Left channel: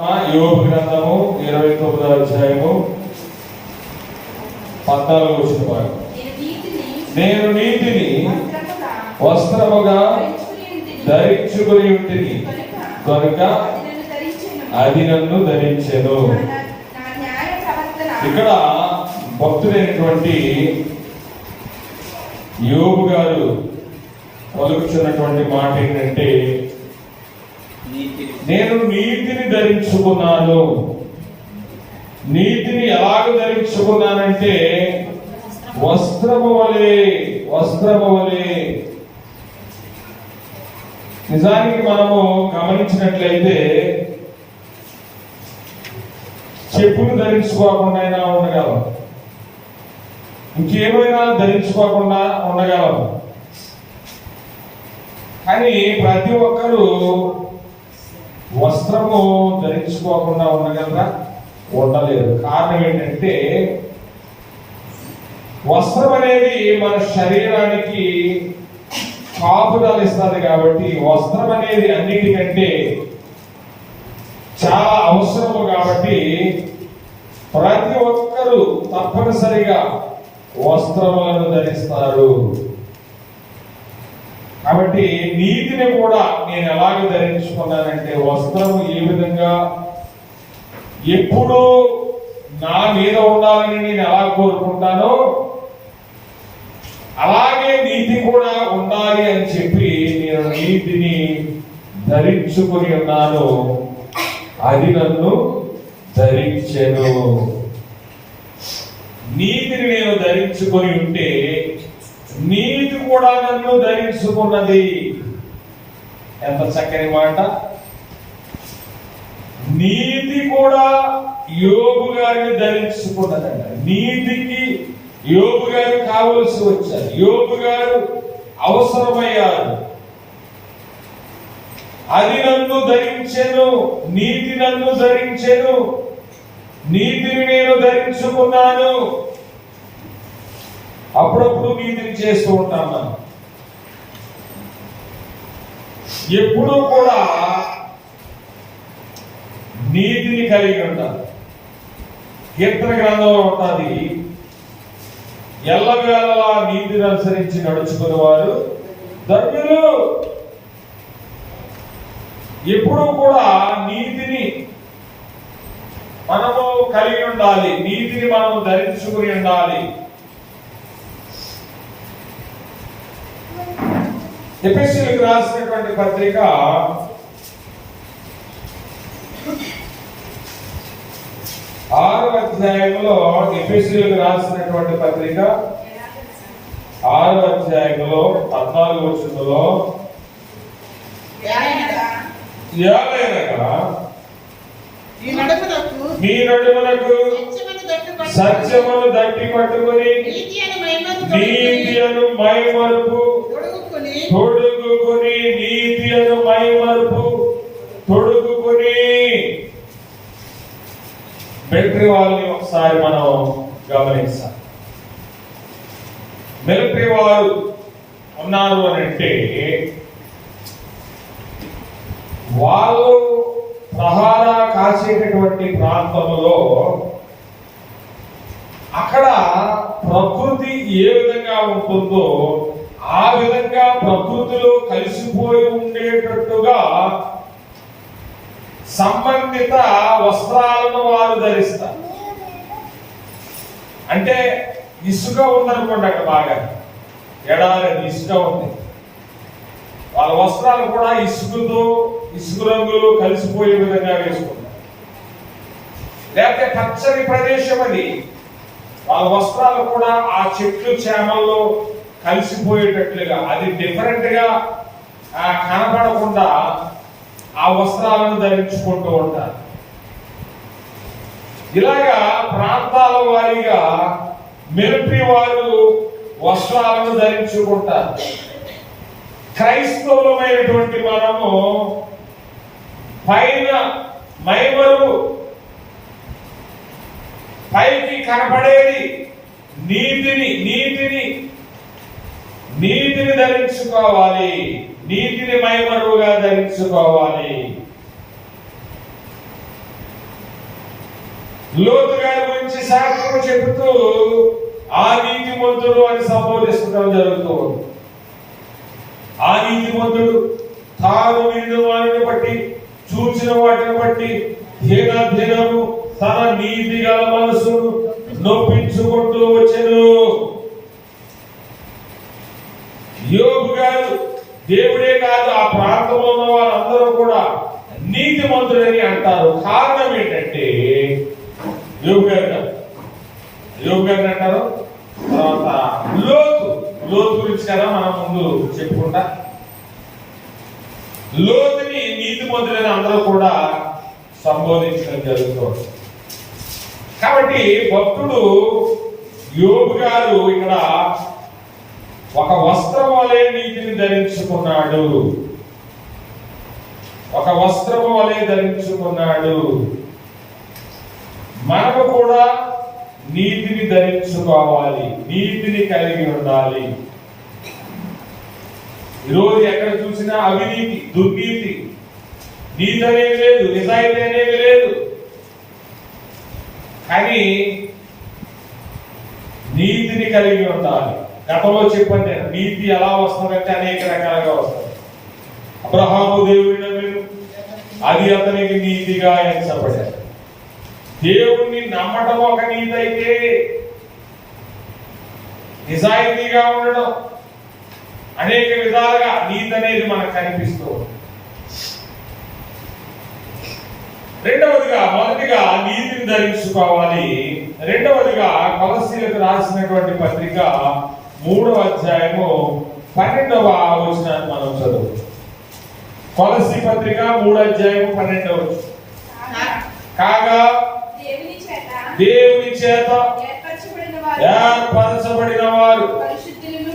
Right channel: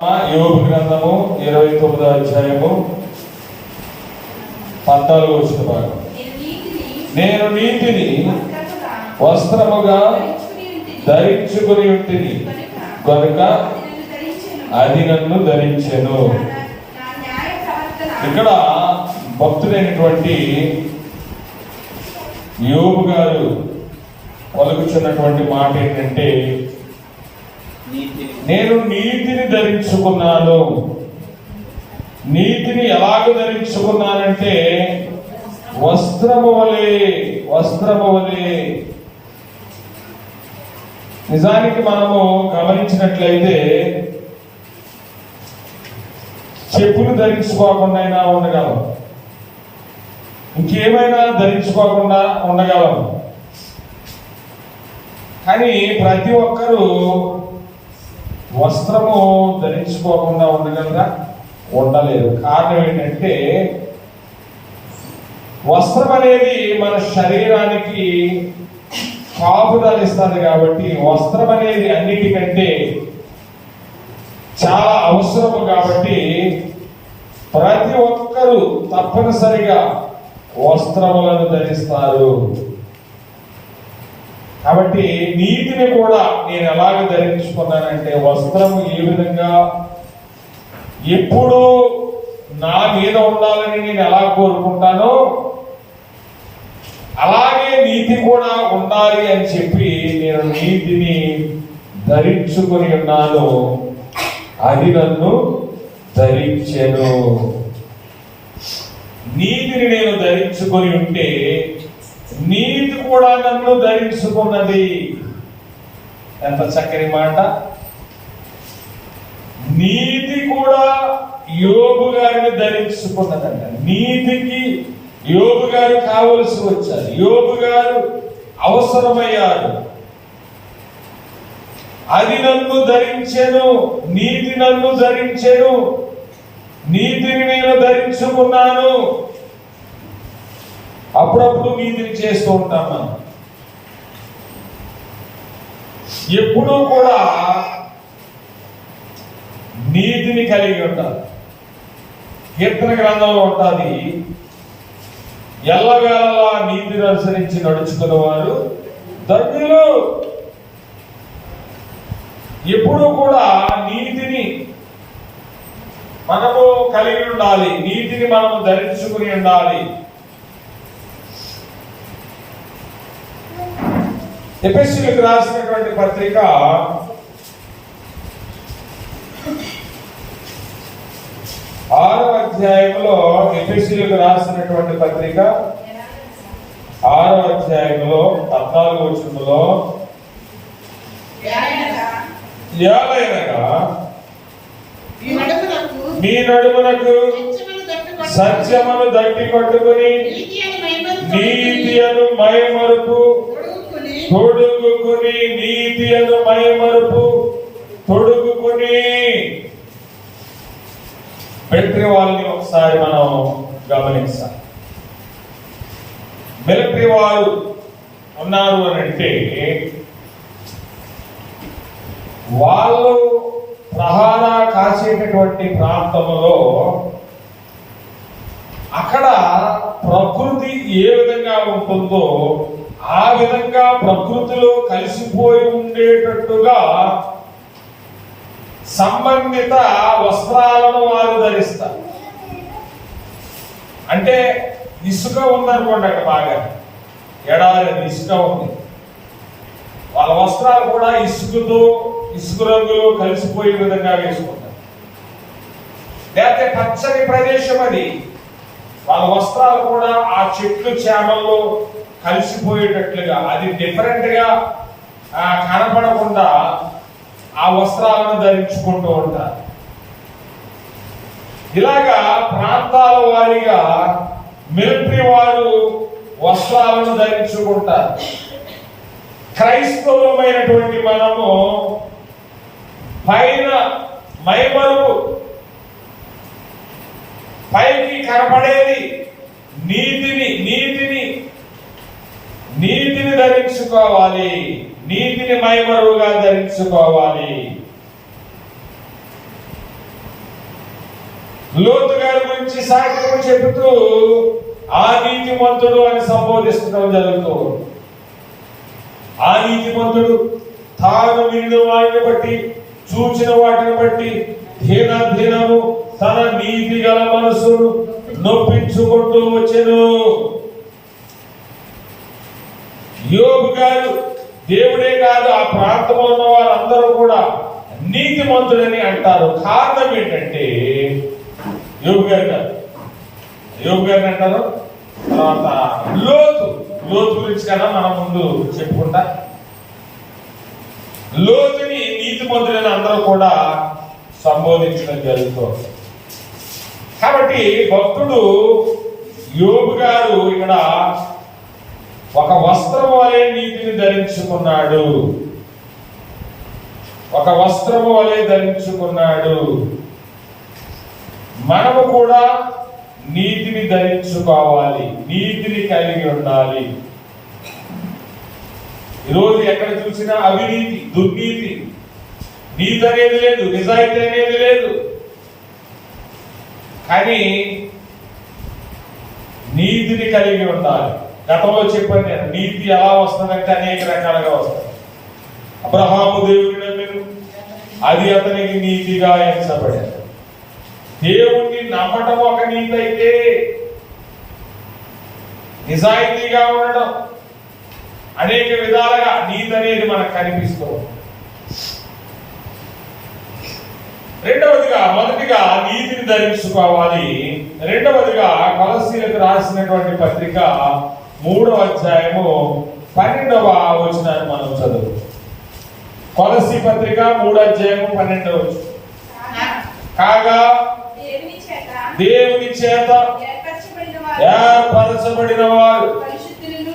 యోబు గ్రంథము 29వ అధ్యాయము 14వ వచనం. నేను నీతిని వస్త్రముగా ధరించుకుని ఉంటిని కనుక అది నన్ను ధరించెను. ఇక్కడ భక్తుడైనటువంటి యోబు గారు పలుకుతున్నటువంటి మాట ఏంటంటే, నేను నీతిని ధరించుకున్నాను. నీతిని ఎలాగ ధరించుకున్నానంటే వస్త్రము వలె. నిజానికి మనము గమనించినట్లయితే చెప్పులు ధరించుకోకుండా అయినా ఉండగలం, ఇంకేమైనా ధరించుకోకుండా ఉండగలం. కానీ ప్రతి ఒక్కరూ వస్త్రము ధరించుకోకుండా ఉండగలరా? ఉండలేరు. కారణం ఏంటంటే వస్త్రం అనేది మన శరీరానికి కాపుదాలు ఇస్తుంది కాబట్టి, వస్త్రం అనేది అన్నిటికంటే చాలా అవసరము కాబట్టి ప్రతి ఒక్కరూ తప్పనిసరిగా వస్త్రములను ధరిస్తారు. కాబట్టి నీతిని కూడా నేను ఎలాగ ధరించుకున్నానంటే, వస్త్రము ఏ విధంగా ఎప్పుడు నా మీద ఉండాలని నేను ఎలా కోరుకుంటానో అలాగే నీతి కూడా ఉండాలి అని చెప్పి నేను నీతిని ధరించుకుని ఉన్నాను. అది నన్ను ధరించెను. నీతిని నేను ధరించుకొని ఉంటే నీతి కూడా నన్ను ధరించుకున్నది. ఎంత చక్కని మాట! నీతి కూడా యోబు గారిని ధరించుకున్నదంట. నీతికి యోబు గారు కావలసి వచ్చారు, యోబు గారు అవసరమయ్యారు. అది నన్ను ధరించెను, నీతి నన్ను ధరించెను, నీతిని నేను ధరించుకున్నాను. అప్పుడప్పుడు నీతిని చేస్తూ ఉంటాం మనం. ఎప్పుడూ కూడా నీతిని కలిగి ఉంటారు. కీర్తన గ్రంథంలో ఉంటుంది, ఎల్లవేళలా నీతిని అనుసరించి నడుచుకున్న వారు ధన్యులు. ఎప్పుడూ కూడా నీతిని మనము కలిగి ఉండాలి, నీతిని మనము ధరించుకుని ఉండాలి. ఎఫెసీయులకు రాసినటువంటి పత్రిక 6వ అధ్యాయంలో, ఎఫెసీయులకు రాసినటువంటి పత్రిక 6వ అధ్యాయంలో 14వ వచనంలో, ఏలయనగా మీ నడుమునకు సత్యమును దట్టి పట్టుకుని నీతి అను మైమరుపు తొడుగుకుని, నీతి అను మైమరుపు తొడుగుకుని. మిలిటరీ వాళ్ళని ఒకసారి మనం గమనించాలి. మిలిటరీ వారు ఉన్నారు అని అంటే వాళ్ళు ప్రహారా కాసేటటువంటి ప్రాంతంలో అక్కడ ప్రకృతి ఏ విధంగా ఉంటుందో ఆ విధంగా ప్రకృతిలో కలిసిపోయి ఉండేటట్టుగా సంబంధిత వస్త్రాలను వారు ధరిస్తారు. అంటే ఇసుక ఉందనుకోండి, అక్కడ బాగా ఎడారి ఇసుక ఉంది, వాళ్ళ వస్త్రాలు కూడా ఇసుక రంగులు కలిసిపోయే విధంగా వేసుకుంటారు. లేకపోతే పచ్చని ప్రదేశం అది, వాళ్ళ వస్త్రాలు కూడా ఆ చెట్లు చేమల్లో కలిసిపోయేటట్లుగా, అది డిఫరెంట్ గా కనపడకుండా ఆ వస్త్రాలను ధరించుకుంటూ ఉంటారు. ఇలాగా ప్రాంతాల వారీగా మిలిటరీ వారు వస్త్రాలను ధరించుకుంటారు. క్రైస్తవులమైనటువంటి మనము పైన మైమరుపు, పైకి కనపడేది నీతిని ధరించుకోవాలి. నీతిని మైమరువుగా ధరించుకోవాలి. లోతు గారి గురించి సాక్ష్యం చెబుతూ ఆ నీతిమంతుడు అని సంబోధిస్తడం జరుగుతుంది. ఆ నీతిమంతుడు తాను విన్న వాటిని బట్టి, చూసిన వాటిని బట్టి దినము తన నీతి గల మనసును నొప్పించుకుంటూ వచ్చెను. యోబు గారు దేవుడే కాదు, ఆ ప్రాంతంలో ఉన్న వారందరూ కూడా నీతిమంతుడని అంటారు. కారణం ఏంటంటే యోబు గారిని అంటారు. తర్వాత లోతు గురించి కదా మనం ముందు చెప్పుకుంటా. లోతుని నీతిమంతుడని అందరూ కూడా సంబోధించడం జరుగుతుంది. కాబట్టి భక్తుడు యోబు గారు ఇక్కడ ఒక వస్త్రం వలె నీతిని ధరించుకున్నాడు. ఒక వస్త్రము వలె ధరించుకున్నాడు. మనము కూడా నీతిని ధరించుకోవాలి, నీతిని కలిగి ఉండాలి. ఈరోజు ఎక్కడ చూసినా అవినీతి, దుర్నీతి, నీతి అనేది లేదు, నిజాయితీ అనేది లేదు. కానీ నీతిని కలిగి ఉండాలి. గతంలో చెప్పాను నేను, నీతి ఎలా వస్తుందంటే అనేక రకాలుగా వస్తుంది. అబ్రహాము దేవుని నమ్మిను, అది అతనికి నీతిగా ఎంచబడింది. దేవుణ్ణి నమ్మటం ఒక నీతి అయితే, నిజాయితీగా ఉండడం అనేక విధాలుగా నీతి అనేది మనకు కనిపిస్తూ ఉంది. రెండవదిగా, మొదటిగా నీతిని ధరించుకోవాలి. రెండవదిగా కొలస్సీలకు రాసినటువంటి పత్రిక 3వ అధ్యాయము 12వ వచనాన్ని మనం చదువు. కొలస్సీ పత్రిక 3వ అధ్యాయము 12వ వచనం. కాగా దేవుని చేత ఏర్పరచబడిన వారు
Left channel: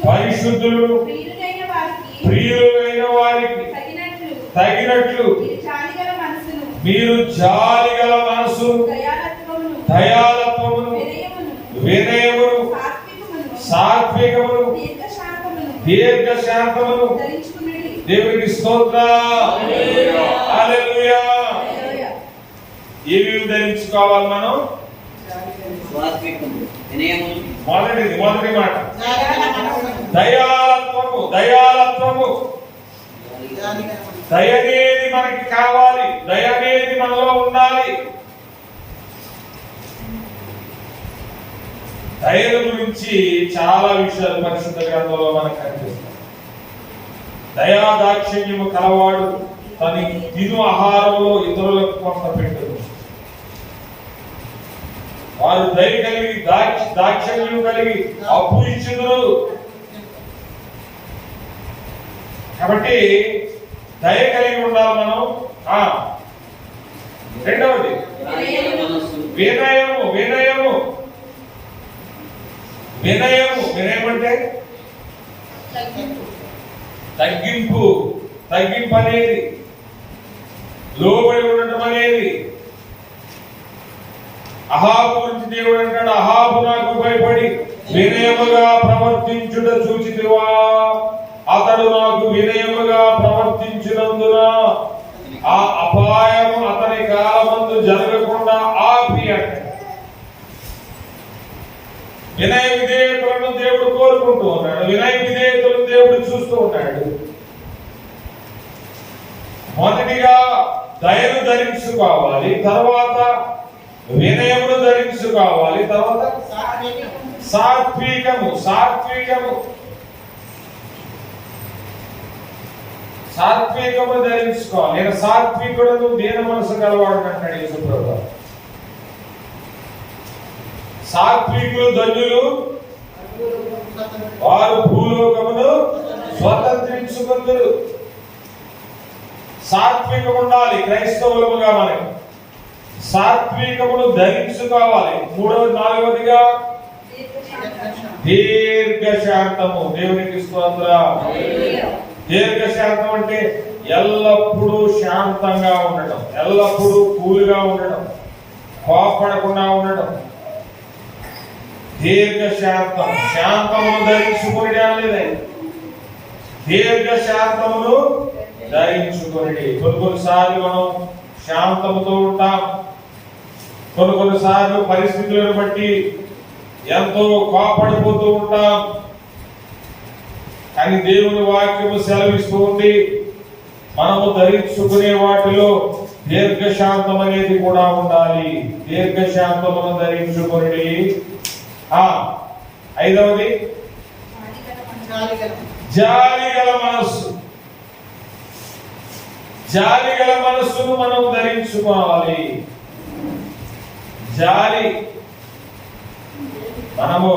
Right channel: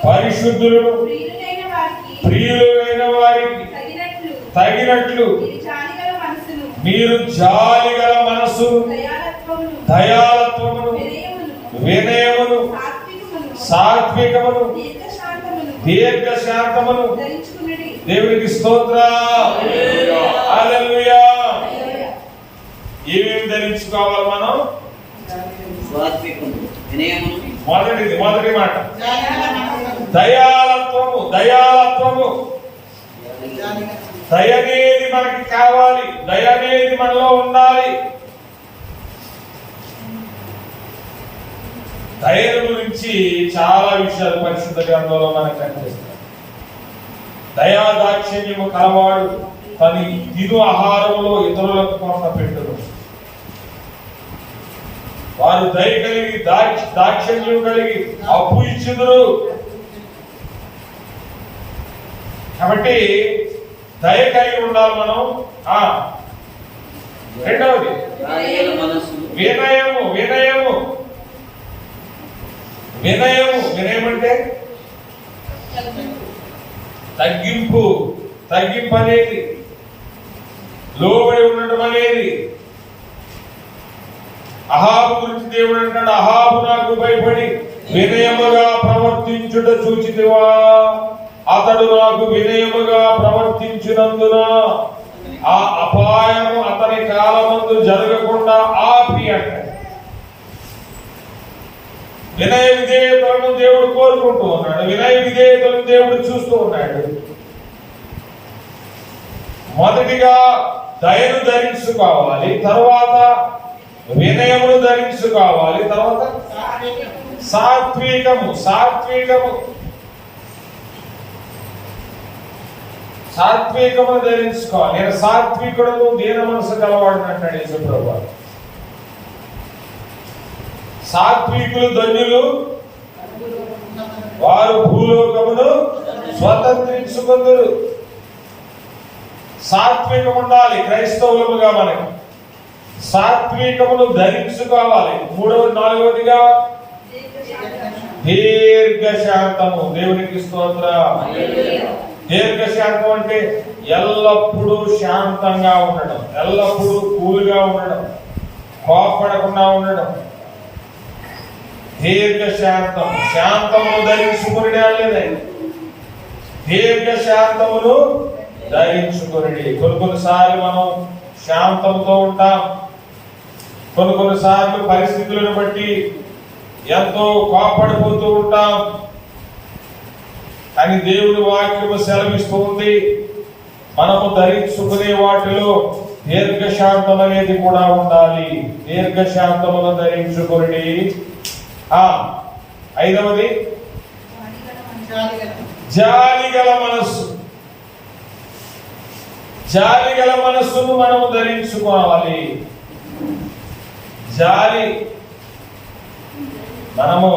పరిశుద్ధులు, ప్రియులైన వారికి తగినట్లు మీరు జాలిగల మనసు, దయాలత్వమును, వినయమును, సాత్వికమును, దీర్ఘశాంతమును. దేవునికి స్తోత్రం. హల్లెలూయా. ఏమేమి ధరించుకోవాలి మనం? మొదటి మాట దయాలత్వము. దయ అనేది మనకి కావాలి, దయ అనేది మనలో ఉండాలి. దయ గురించి చాలా విషయాలు పరిశుద్ధ గ్రంథంలో మనకు కనిపిస్తాయి. దయా దాక్షిణ్యము కలవాడు తన తిను ఆహారంలో ఇతరులకు కొంత పెట్టడు. వారు దయ కలిగి దాక్షిణ్యం కలిగి అప్పు ఇచ్చుదురు. కాబట్టి దయ కలిగి ఉండాలి మనం. రెండవది వినయము. వినయం అంటే తగ్గింపు అనేది, లోబడి ఉండటం అనేది. అహాబు గురించి దేవుడు అంటాడు, అహాబు నాకు భయపడి వినయముగా ప్రవర్తించుట చూచితివా, అతడు నాకు వినయముగా ప్రవర్తించినందున ఆ అపాయము అతని కాలమందు జరగకుండా ఆపి అంట. వినయ విధేయతలను దేవుడు కోరుకుంటూ ఉన్నాడు, వినయ విధేయతలను దేవుడు చూస్తూ ఉన్నాడు. మొదటిగా దయను ధరించుకోవాలి, తర్వాత వినయమును ధరించుకోవాలి, తర్వాత సాత్వికమును ధరించుకోవాలి. నేను సాత్వికుడు, దీన మనసు కలవాడు అంటాడు యేసుప్రభువు. సాత్వికులు ధన్యులు, వారు భూలోకమును స్వతంత్రించుకొందురు. సాత్వికం ఉండాలి క్రైస్తవులముగా. మనకి సాత్వికమును ధరించుకోవాలి. నాలుగవదిగా దీర్ఘశాంతము. దేవునికి స్తోత్రం. దీర్ఘశాంతం అంటే ఎల్లప్పుడూ శాంతంగా ఉండడం, ఎల్లప్పుడూ కూల్గా ఉండడం, కోపడకుండా ఉండడం. దీర్ఘశాంతం. శాంతమును ధరించుకుని లేదా దీర్ఘశాంతమును ధరించుకుని. కొన్నిసార్లు మనం శాంతముతో ఉంటాం, కొన్నిసార్లు పరిస్థితులను బట్టి ఎంతో కోపడిపోతూ ఉంటాం. కానీ దేవుని వాక్యము సెలవిస్తూ ఉంది, మనము ధరించుకునే వాటిలో దీర్ఘశాంతం అనేది కూడా ఉండాలి. దీర్ఘశాంతమును ధరించుకుని. ఐదవది జాలిగల మనస్సు. జాలిగల మనస్సును మనము ధరించుకోవాలి. జాలి మనము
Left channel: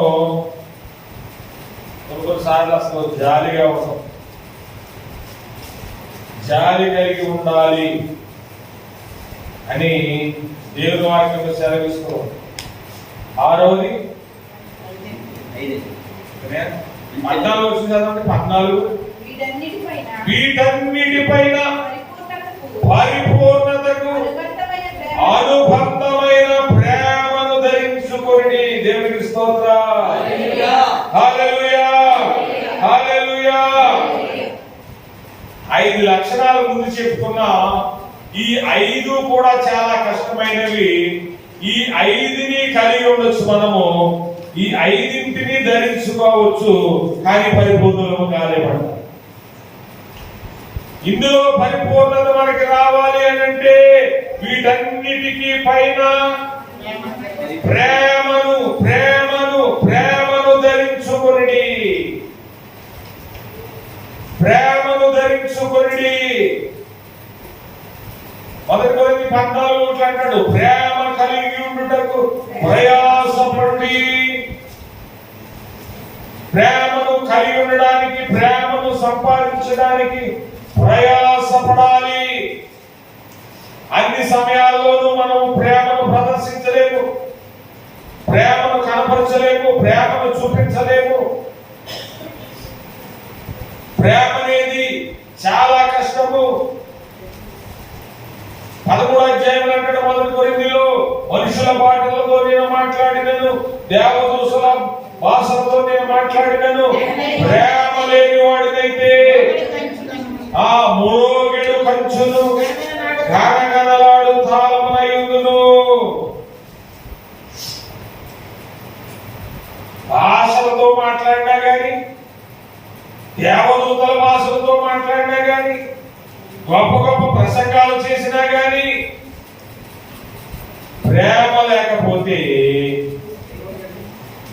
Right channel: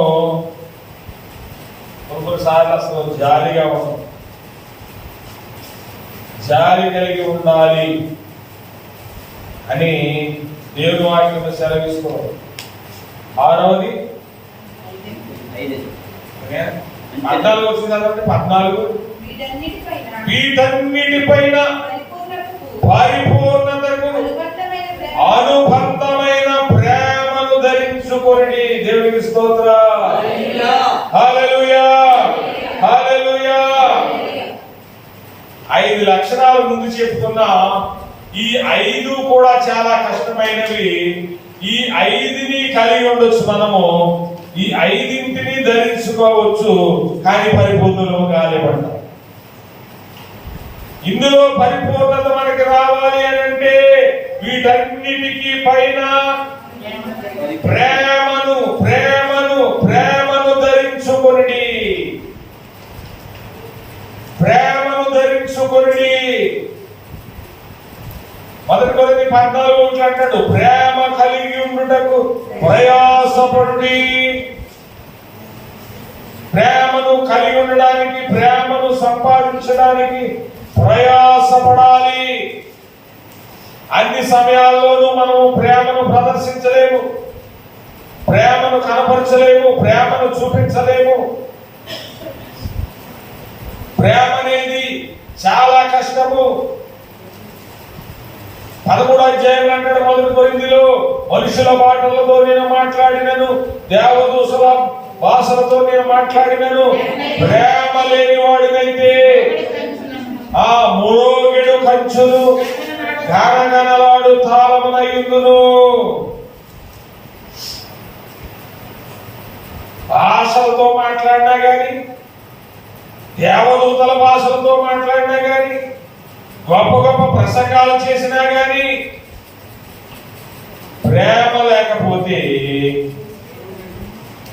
కొన్నిసార్లు అసలు జాలిగా ఉన్నాం. జాలి కలిగి ఉండాలి అని దేవుని వాక్యం సెలవిస్తూ. ఆరవది 14 వచ్చింది కదండి. 14 వీటన్నిటిపైన పరిపూర్ణతకు అనుబంధమైన ప్రేమను ధరించుకొని. దేవునికి స్తోత్రం. హల్లెలూయా, హల్లెలూయా. 5 లక్షణాలు ముందు చెప్తున్నా. ఈ 5 కూడా చాలా కష్టమైనవి. ఈ 5ని కలిగి ఉండొచ్చు మనము. ఈ 5ంటిని ధరించుకోవచ్చు, కానీ పరిపూర్ణులు కాలేమంట. ఇందులో పరిపూర్ణత మనకి రావాలి అంటే వీటన్నిటికీ పైన ప్రేమను ప్రేమను ప్రేమను ధరించుకొని. ప్రేమను ధరించుకొని. 1 కొరింథీ 14 అంటాడు, ప్రేమ కలిగి ఉండుటకు ప్రయాసపడుడి. ప్రేమను కలిగి ఉండడానికి, ప్రేమను సంపాదించడానికి ప్రయాసపడాలి. అన్ని సమయాల్లోనూ మనము ప్రేమను ప్రదర్శించలేము, ప్రేమను కనపరచలేము, ప్రేమను చూపించలేము. ప్రేమ అనేది చాలా కష్టము. 13వ అధ్యాయం అంటాడు 1 కొరింథీలో, మనుషుల మాటలతో నేను మాట్లాడినను, దేవదూషల భాషలతో నేను మాట్లాడినను, ప్రేమ లేని వాడినైతే ఆ మురోగెడు కంచును గణగణలాడు తాళమునయుందును. భాషలతో మాట్లాడినా గాని, దేవదూతల భాషలతో మాట్లాడినా గాని, గొప్ప గొప్ప ప్రసంగాలు చేసినా గాని, ప్రేమ లేకపోతే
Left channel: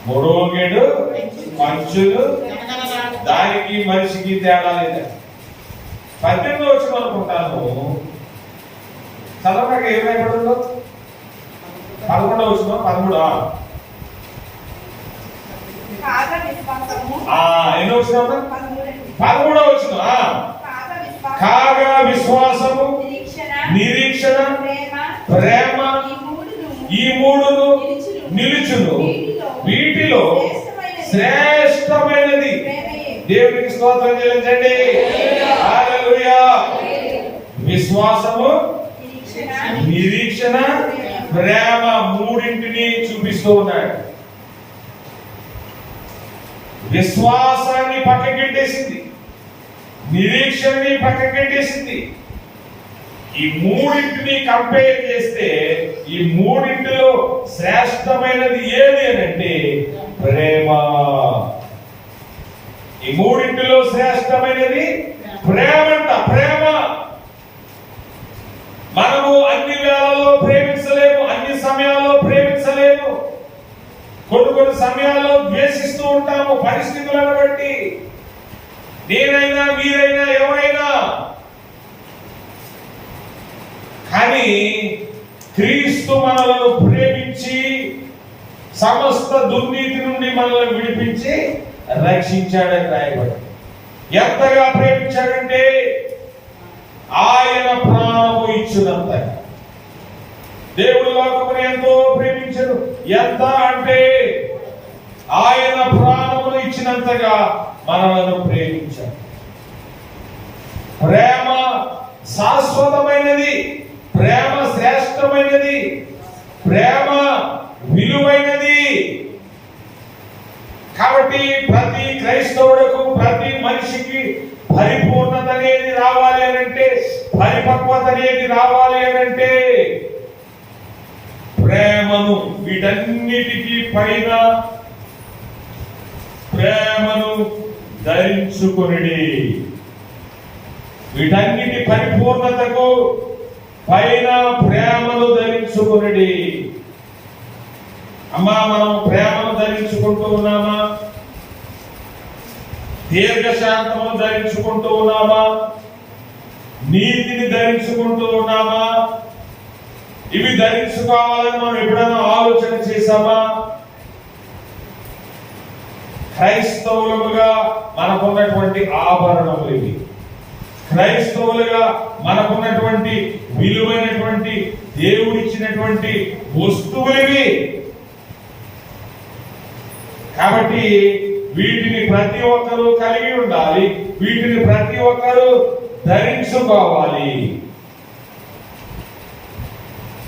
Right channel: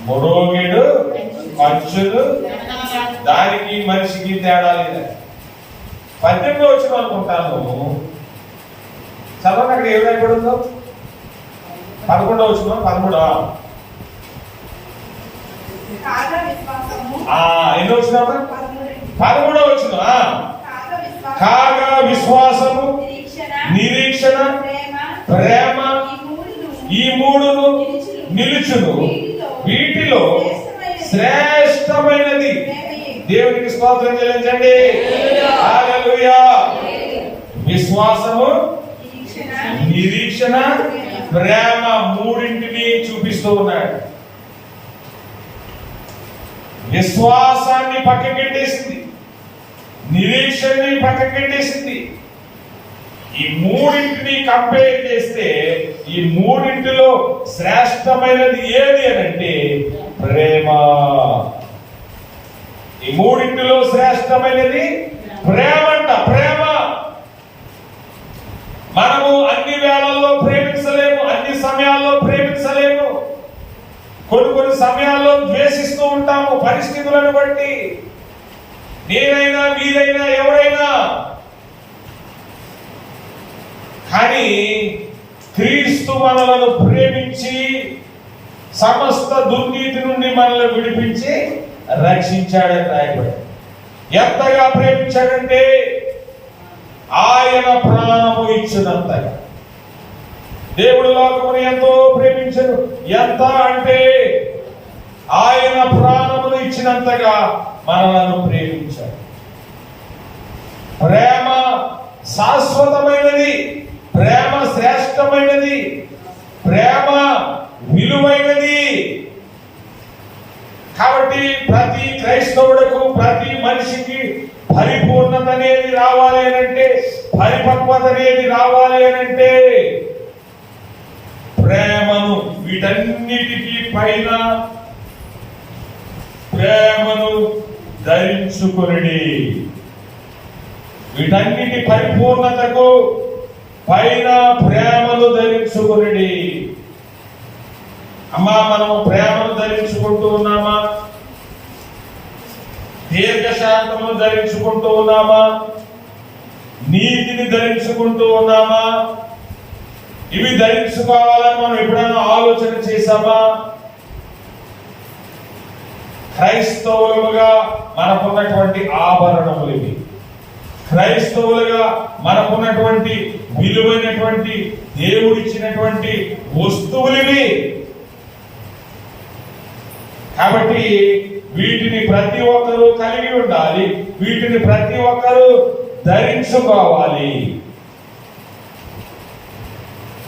మురోగెడు కంచులు దానికి మనిషికి తేడా లేదు. 18 వచ్చిన అనుకుంటాను. చదవక ఏమైనా ఎక్కడ ఉందో 11 వచ్చిన 13 ఎన్ని వచ్చినా 13 వచ్చిన. కాగా విశ్వాసము, నిరీక్షణ, ప్రేమ, ఈ మూడును నిలుచును. వీటిలో శ్రేష్టమైనది. దేవునికి స్తోత్రం చెల్లించండి. హల్లెలూయా. విశ్వాసము, నిరీక్షణ, ప్రేమ మూడింటిని చూపిస్తూ ఉన్నాడు. విశ్వాసాన్ని పక్కకెట్టేసింది, నిరీక్షణని పక్కకెట్టేసింది. ఈ మూడింటిని కంపేర్ చేస్తే ఈ మూడింటిలో శ్రేష్టమైనది ఏది అని అంటే ప్రేమ. ఈ మూడింటిలో శ్రేష్టమైనది ప్రేమ అంట. ప్రేమ. మనము అన్ని వేళల్లో ప్రేమించలేము, అన్ని సమయాల్లో ప్రేమించలేము. కొన్ని సమయాల్లో ద్వేషిస్తూ ఉంటాము పరిస్థితులను బట్టి. నేనైనా మీరైనా ఎవరైనా. కానీ క్రీస్తు మనలను ప్రేమించి సమస్త దుర్నీతి నుండి మనల్ని విడిపించి రక్షించాడని రాయబడి. ఎంతగా ప్రేమించాడంటే ఆయన ప్రాణము ఇచ్చినంతగా. దేవుడు లోకమును ఎంతో ప్రేమించాడు. ఎంత అంటే ఆయన ప్రాణమును ఇచ్చినంతగా మనలను ప్రేమించాడు. ప్రేమ శాశ్వతమైనది, ప్రేమ శ్రేష్టమైనది, ప్రేమ విలువైనది. కాబట్టి ప్రతి క్రైస్తవులకు, ప్రతి మనిషికి పరిపూర్ణత అనేది రావాలి అనంటే, పరిపక్వత అనేది రావాలి అనంటే ప్రేమ వీటన్నిటికీ పైన ప్రేమను ధరించుకొనిడి. వీటన్నిటి పరిపూర్ణతకు పైన ప్రేమను ధరించుకొనిడి. అమ్మా, మనం ప్రేమను ధరించుకుంటూ ఉన్నామా? దీర్ఘశాంతమును ధరించుకుంటూ ఉన్నామా? నీతిని ధరించుకుంటూ ఉన్నామా? ఇవి ధరించుకోవాలని మనం ఎప్పుడైనా ఆలోచన చేశామా? క్రైస్తవులుగా మనకున్నటువంటి ఆభరణములు ఇవి. క్రైస్తవులుగా మనకున్నటువంటి విలువైనటువంటి దేవుడిచ్చినటువంటి వస్తువులు ఇవి. కాబట్టి వీటిని ప్రతి ఒక్కరూ కలిగి ఉండాలి. వీటిని ప్రతి ఒక్కరూ ధరించుకోవాలి.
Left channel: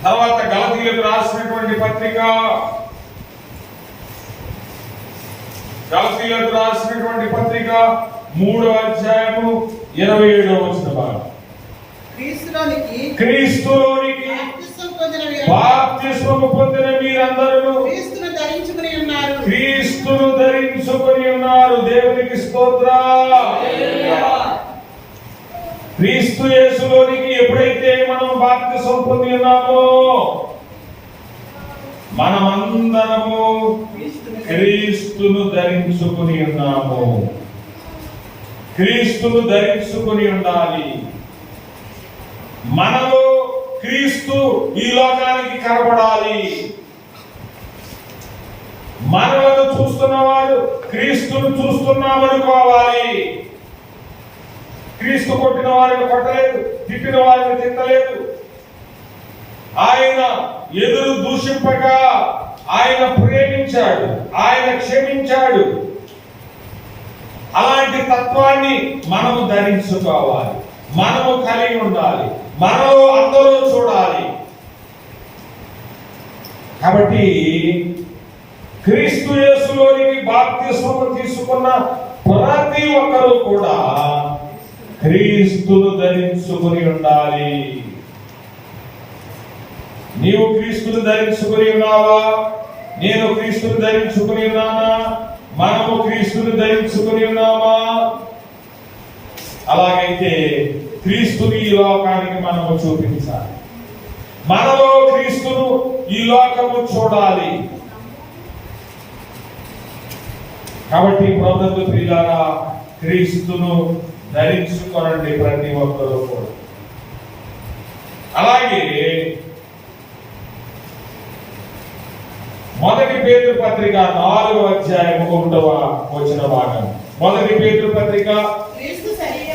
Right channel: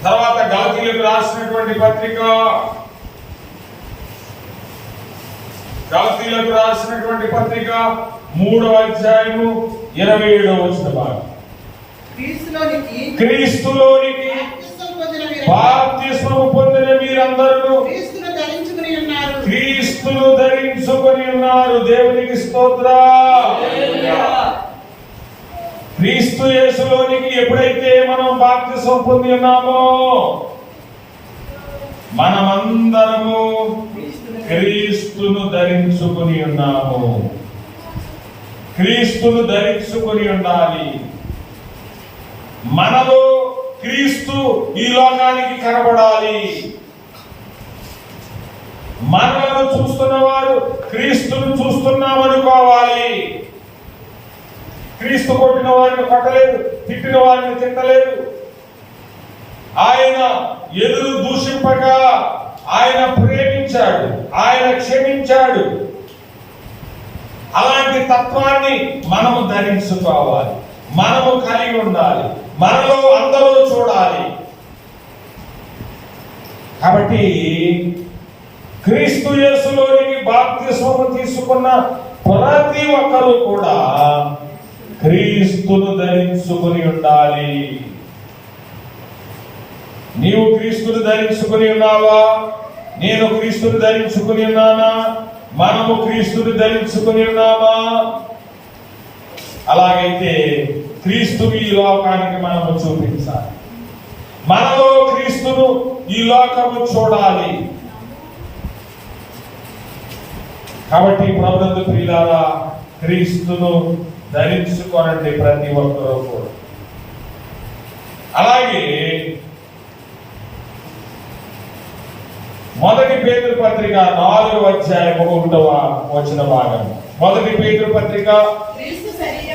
తర్వాత గలతీయులకు రాసినటువంటి పత్రిక, గలతీయులకు రాసినటువంటి పత్రిక 3వ అధ్యాయము 27వ వచనం. క్రీస్తులోనికి బాప్తిస్మము పొందిన మీరందరూ క్రీస్తును ధరించుకొని ఉన్నారు. దేవునికి స్తోత్రం. క్రీస్తు యేసులోనికి ఎప్పుడైతే మనం బాప్తిసం పొంది ఉన్నామో, మనమందరము క్రీస్తును ధరించుకుని ఉన్నాము. క్రీస్తును ధరించుకుని ఉండాలి. మనలో క్రీస్తు ఈ లోకానికి కనబడాలి. మనలను చూస్తున్నవాడు క్రీస్తును చూస్తున్నామనుకోవాలి. క్రీస్తు కొట్టిన వారిని కొట్టలేదు, తిట్టిన వారిని తిట్టలేదు. ఆయన ఎదురు దూషింపక ఆయన ప్రేమించాడు, ఆయన క్షమించాడు. అలాంటి తత్వాన్ని మనము ధరించుకోవాలి, మనము కలిగి ఉండాలి, మనలో అందరూ చూడాలి. కాబట్టి క్రీస్తు యేసులోనికి బాప్తిస్మము తీసుకున్న ప్రతి ఒక్కరూ కూడా క్రీస్తును ధరించుకుని ఉండాలి. నీవు క్రీస్తును ధరించుకుని ఉన్నావా? నేను క్రీస్తును ధరించుకుని ఉన్నానా? మనము క్రీస్తుని ధరించుకుని ఉన్నామా? అలాగైతే క్రీస్తుని ఈ లోకానికి మనము చూపించాలి. మనలో క్రీస్తును ఈ లోకము చూడాలి. కాబట్టి ప్రభునందు ప్రియులారా, క్రీస్తును ధరించుకోనండి ప్రతి ఒక్కరూ కూడా. అలాగే మొదటి పేతురు పత్రిక 4వ అధ్యాయం 1వ వచన భాగం. మొదటి పేతురు పత్రిక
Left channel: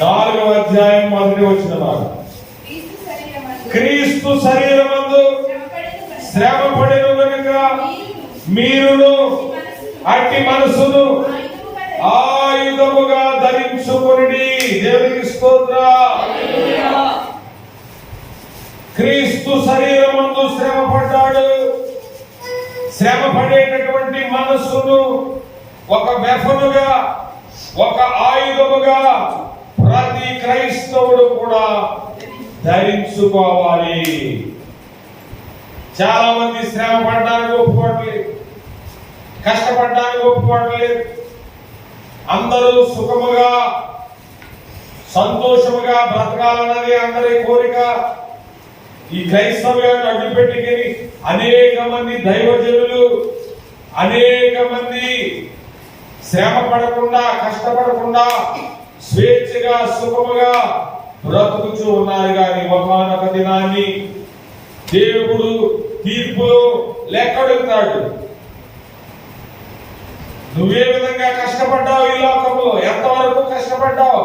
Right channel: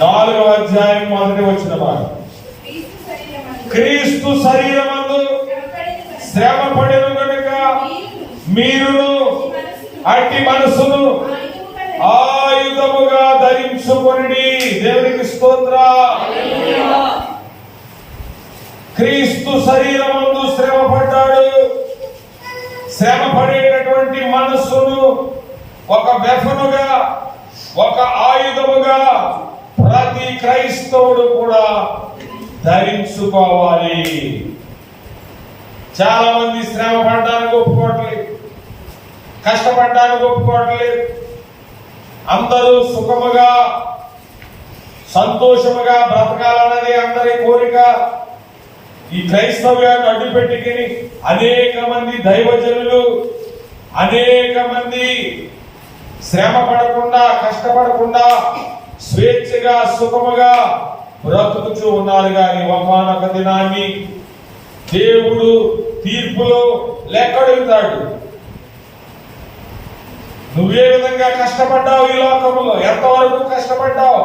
4వ అధ్యాయం 1వ వచన భాగం. క్రీస్తు శరీరమందు శ్రమ పడెను గనుక మీరును అట్టి మనసును ఆయుధముగా ధరించుకొనిడి. దేవునికి స్తోత్రం. క్రీస్తు శరీరమందు శ్రమ పడ్డాడు. శ్రమ పడేటటువంటి మనస్సును ఒక వెపనుగా, ఒక ఆయుధముగా ప్రతి క్రైస్తవుడు కూడా ధరించుకోవాలి. చాలా మంది శ్రమ పడడానికి ఒప్పుకోవట్లేదు, కష్టపడడానికి ఒప్పుకోవట్లేదు. అందరూ సుఖముగా సంతోషముగా బ్రతకాలన్నది అందరి కోరిక. ఈ క్రైస్తవ్యాన్ని అడ్డుపెట్టుకుని అనేక మంది దైవజనులు, అనేక మంది శ్రమ పడకుండా, కష్టపడకుండా స్వేచ్ఛగా సుఖముగా బ్రతుకుచూ ఉన్నారు. కానీ ఒకానొక దినాన్ని దేవుడు తీర్పులో లెక్కడుగుతాడు. నువ్వే విధంగా కష్టపడ్డావు, ఈ లోకంలో ఎంతవరకు కష్టపడ్డావు?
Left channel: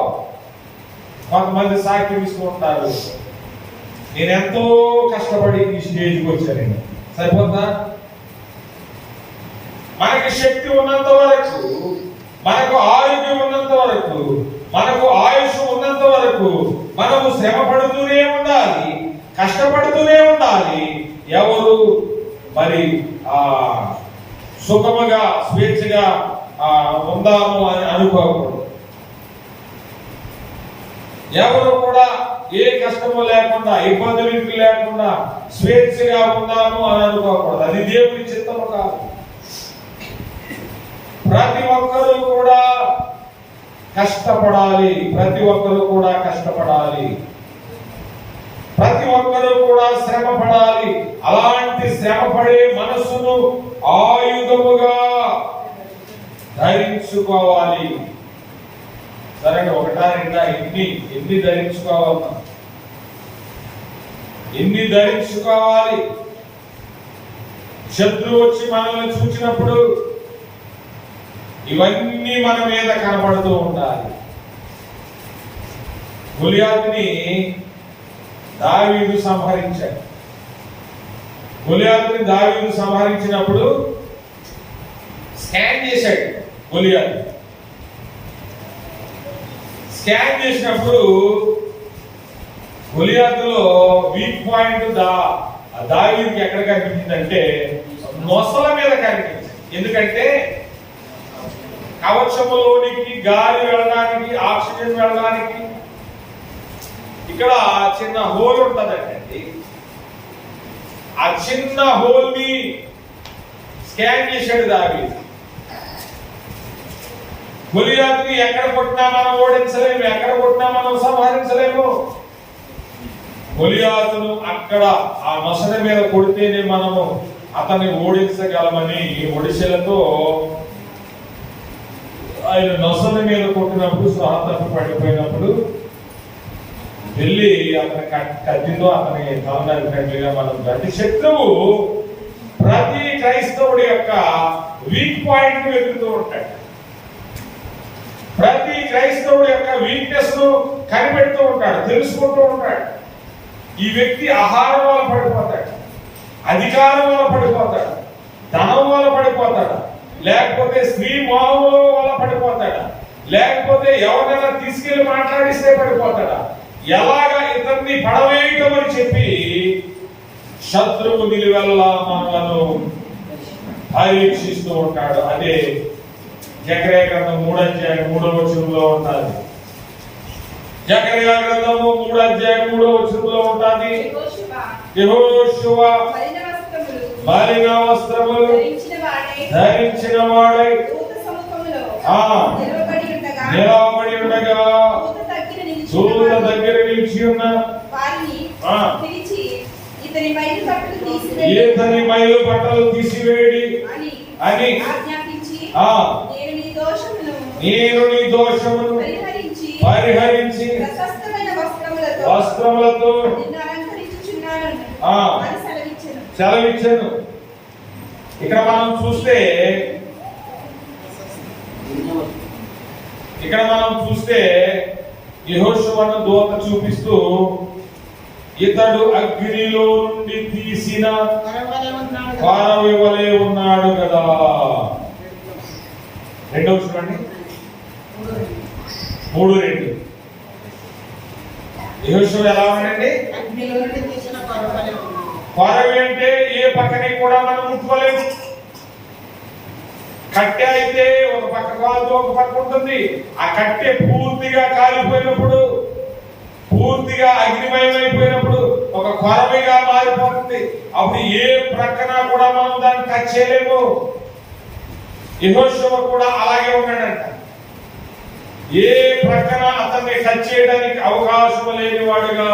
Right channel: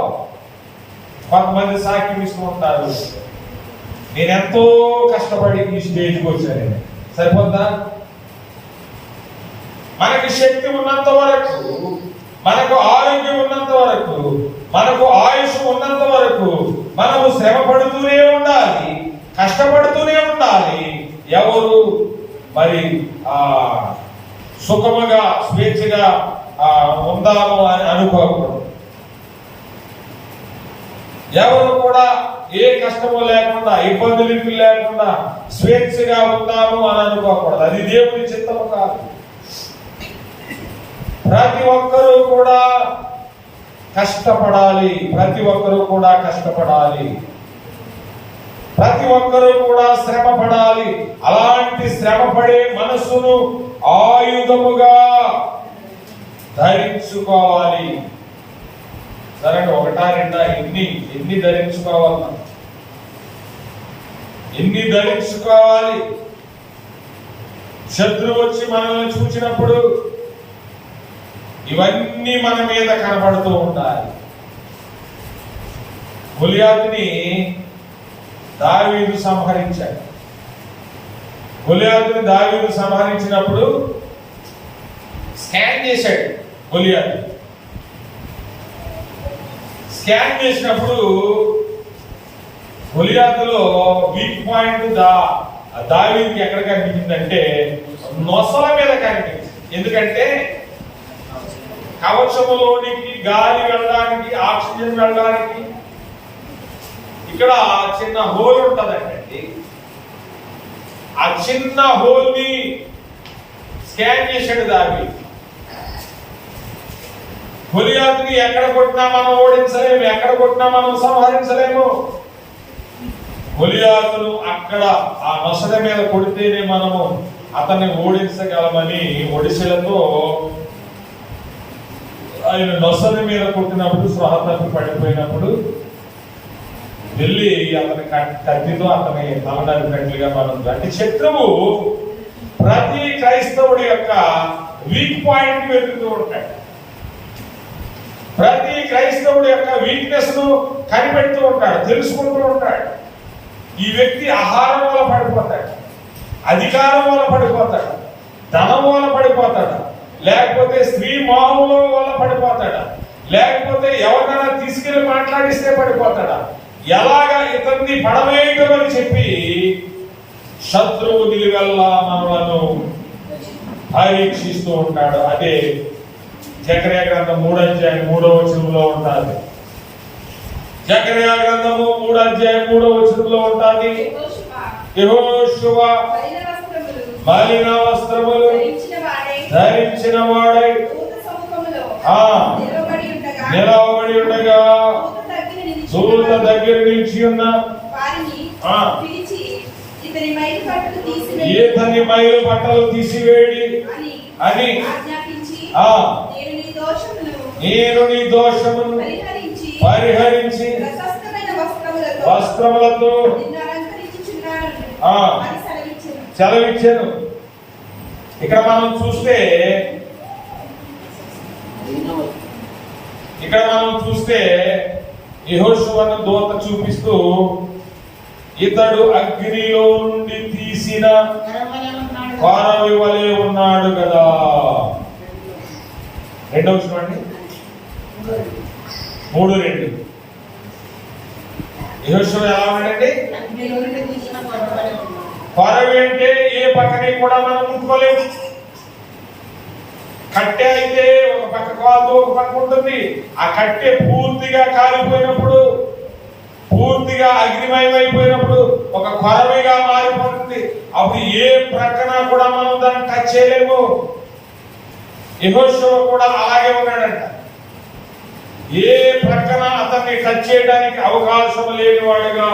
కొంతమంది సాక్ష్యం ఇస్తూ ఉంటారు, నేను ఎంతో కష్టపడి ఈ స్టేజ్కి వచ్చానండి. సరిపోద్దా? మనకి శక్తి ఉన్నంత వరకు, మనకు ఆరోగ్యం ఉన్నంత వరకు, మనకు ఆయుష్ ఉన్నంత వరకు మనము శ్రమ పడుతూనే ఉండాలి, కష్టపడుతూనే ఉండాలి. ఎవరు మరి సుఖముగా స్వేచ్ఛగా ఉందాము అని అనుకోకూడదు. ఎవరు కూడా ఏ కష్టము లేకుండా, ఇబ్బందులు లేకుండా స్వేచ్ఛగా ఉందాము అని అనుకోకూడదు. అది దేవుని చిత్తము కాదు. ప్రతి ఒక్కరూ కూడా కష్టపడాలి. ప్రతి ఒక్కరూ కూడా కష్టపడాలి. ప్రతి ఒక్కరూ కూడా శ్రమ పడాలి. అలాంటి శ్రమ పడే మనసును ఆయుధముగా ధరించుకోవాలి. సరే, ఒకటా రెండా ఎన్ని ధరించుకోవాలి? ఎన్ని ధరించుకోవాలి? శత్రువు వచ్చి మనల్ని చూచినప్పుడు ఇవన్నీ మన మీద కనపడుతూ ఉంటాయి. గొలియాతుని దావీదు సంహరించాడు. గొలియాతుని దావీదు సంహరించినప్పుడు స్కాన్ చేశాడు. గొలియాతు స్కాన్ చేసినప్పుడు గొలియాతులో వీక్ పాయింట్ దావీదుకి ఎక్కడ కనిపించిందంటే నొసల మీద కనిపించింది. ఎందుకంటే కవచములోనికి గాలి వెళ్ళడానికి, ఆక్సిజన్ వెళ్ళడానికి ఇక్కడ చిన్న హోల్ ఉంటదండి. ఆ చిన్న హోల్ ని స్కాన్ చేశాడు దావీదు. గొలియాతుని ఎక్కడ కొట్టినా మనం ఓడించలేము, ఎక్కడ కొట్టినా మనం సంహరించలేము. గొలియాతును అక్కడ ఆ నొసడ మీద కొడితేనే మనము అతన్ని ఓడించగలమని ఒడిశలతో ఆయన నొసల మీద కొట్టినప్పుడు స్వర తప్పి పడిపోయినప్పుడు వెళ్ళి అతని కత్తితో అతని తల నరికినట్లుగా మనం అంటే శత్రువు ప్రతి క్రైస్తవుడి యొక్క వీక్ పాయింట్ వెతుకుతూ ఉంటాడు. ప్రతి క్రైస్తవుడి యొక్క వీక్నెస్ ను కనిపెడుతూ ఉంటాడు, తెలుసుకుంటూ ఉంటాడు. ఈ వ్యక్తి ఆహారం వల్ల పడిపోతాడు, అధికారం వల్ల పడిపోతాడు, ధనం వల్ల పడిపోతాడు, లేకపోతే స్త్రీ మోహంలో వల్ల పడిపోతాడా, లేకపోతే ఎవరైనా తీసుకెళ్లి మాట్లాడిస్తే పడిపోతాడా, ఎలాగా ఇతన్ని పడవేయటం అని చెప్పి శత్రువు నిలువెల్లా మనలను పరీక్షిస్తూ ఉంటాడు. అదే జకర్యా గ్రంథం 3:3 ఉంటుంది. జకర్యా గ్రంథము 3:3 ఉంటుంది. యెహోషువ మలిన వస్త్రములు ధరించిన వాడై నిలవబడి ఉండగా దూత దగ్గర నిలిచి ఉన్న ఇతని మైలు బట్టలు తీసివేడి అని నేను నీ దోషమును పరిహరించి వస్త్రములతో సెలవిచ్చాను. ఇక్కడ మనం చూస్తే యెహోషువను దూత చూపిస్తూ ఇతడు అగ్నిలో నుండి తీసిన కొరవి వలె ఉన్నాడు కదా. రెండవ చూడండి, 3:2. యెహోషువ ఎలా ఉన్నాడండి? కొరవి అంటే ఏ పక్కని కూడా మనం ముట్టుకోలేదు. కట్టె అయితే ఒక పక్క కాలుతో ఒక పక్క ఉంటుంది. ఆ కట్టె పూర్తిగా కాలిపోయినప్పుడు, పూర్తిగా అగ్నిమయం అయిపోయినప్పుడు ఒక కొరవిగా మారిపోతుంది. అప్పుడు ఏ ప్రక్కన కూడా మనం దాన్ని టచ్ చేయలేము. యెహోషువ కూడా అలాగే ఉన్నాడంట. ఏ ప్రక్కన అతన్ని టచ్ చేయడానికి అవకాశం లేని వాడుగా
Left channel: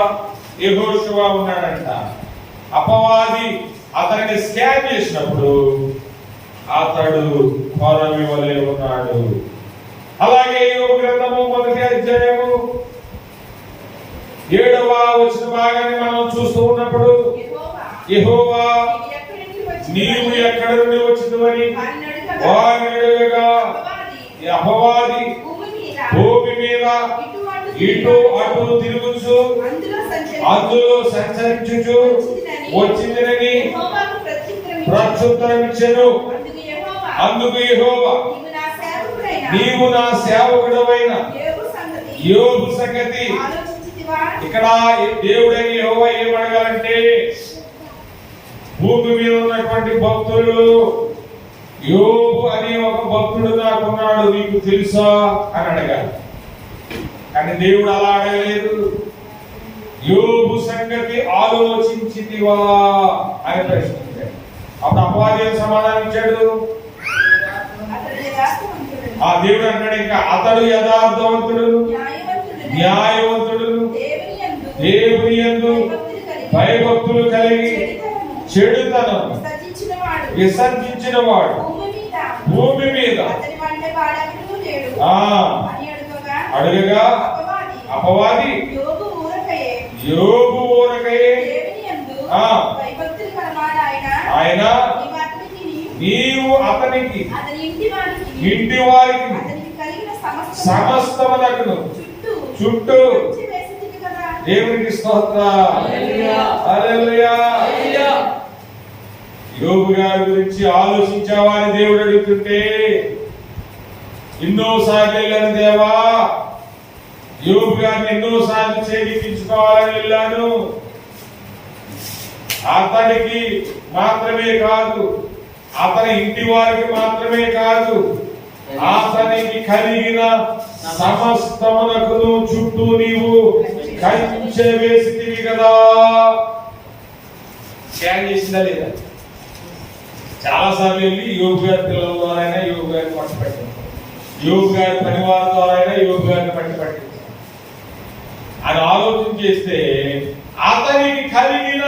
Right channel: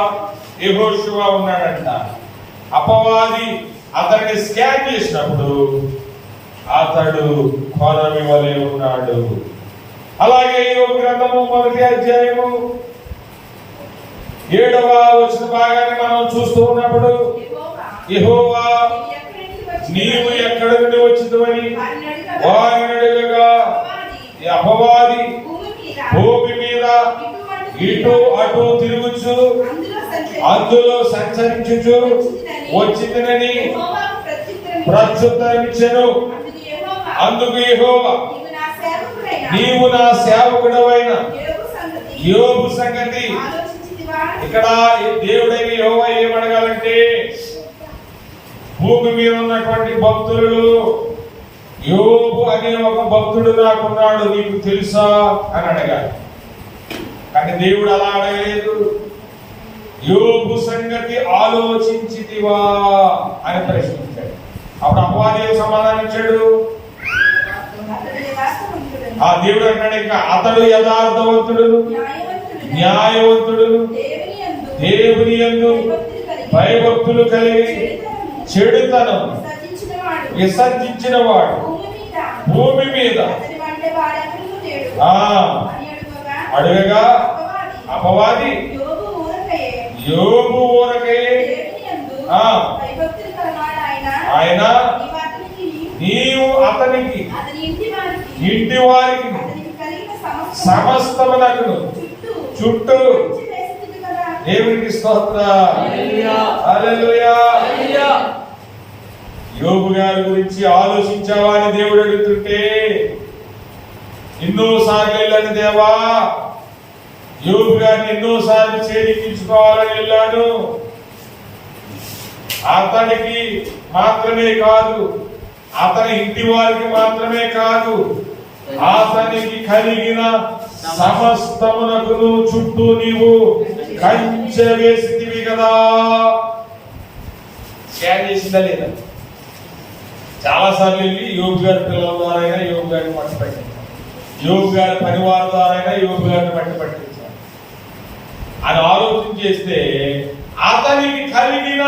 యెహోషువ ఉన్నాడంట. అపవాది అతన్ని స్కాన్ చేసినప్పుడు అతడు కొరవి వలె ఉన్నాడు. అలాగే యోబు గ్రంథము 1:7 భాగాన్ని మనం చూస్తూ ఉన్నప్పుడు యెహోవా నీవు ఎక్కడ నుండి వచ్చిందని వారిని అడగగా అపవాది భూమి మీద ఇటు అటు తిరుగుచు అందులో సంచరించుచు వచ్చిందని ప్రత్యుత్తరం ఇచ్చెను. అందుకు యెహోవా నీవు నా సేవకుడవైన యోబు సంగతి. ఇక్కడ దేవుడైన యెహోవా ఏమడగాలంటే భూమి మీద ఉన్నటువంటి భక్తులు, యోబు అనే ఒక భక్తుడు నాకున్నాడు, నీకు తెలుసా అని అడగాలి. కానీ దేవుడు అలా అడగలేదు. యోబు సంగతి ఆలోచించితివా అని ప్రశ్నించాడు. అప్పుడు అపవాది ఏం సమాధానం ఇచ్చాడు? ఆ దేవుడు అంటాడు ఇంకా, అతడు యథార్థవంతుడును న్యాయవంతుడును దేవుని యందు భయభక్తులు కలిగి చెడుతనం విసర్జించిన వాడు భూమి మీద అడుగగా అపవాది యోబు ఊరకై ఆయన నీవు అతనికి ఇంటి వారికి సమస్తమునకు చుట్టూ దేవునికి స్తోత్రం. హల్లెలూయా. యోబు గారి గురించి ఆలోచించావని దేవుడు అడుగుతుంటే, ఎన్నోసార్లు వెళ్ళాను దేవా, యోబు గారిని ఎన్నోసార్లు చేజిక్కించుకోవాలని వెళ్ళాను. అతనికి మాత్రమే కాదు, అతని ఇంటి వారికి మాత్రమే కాదు, అతనికి కలిగిన సమస్తమునకును చుట్టూ నీవు కంచె వేసితివి కదా. స్కాన్ చేసిందా లేదా? చాలా సార్లు వెళ్ళి యోబు గారి పిల్లల ద్వారా యోబు గారిని పట్టుపట్టించారు, యోబు గారి పనివారి ద్వారా యోబు గారిని పట్టుపట్టించారు అని ఆలోచన చేస్తే, అతనికి కలిగిన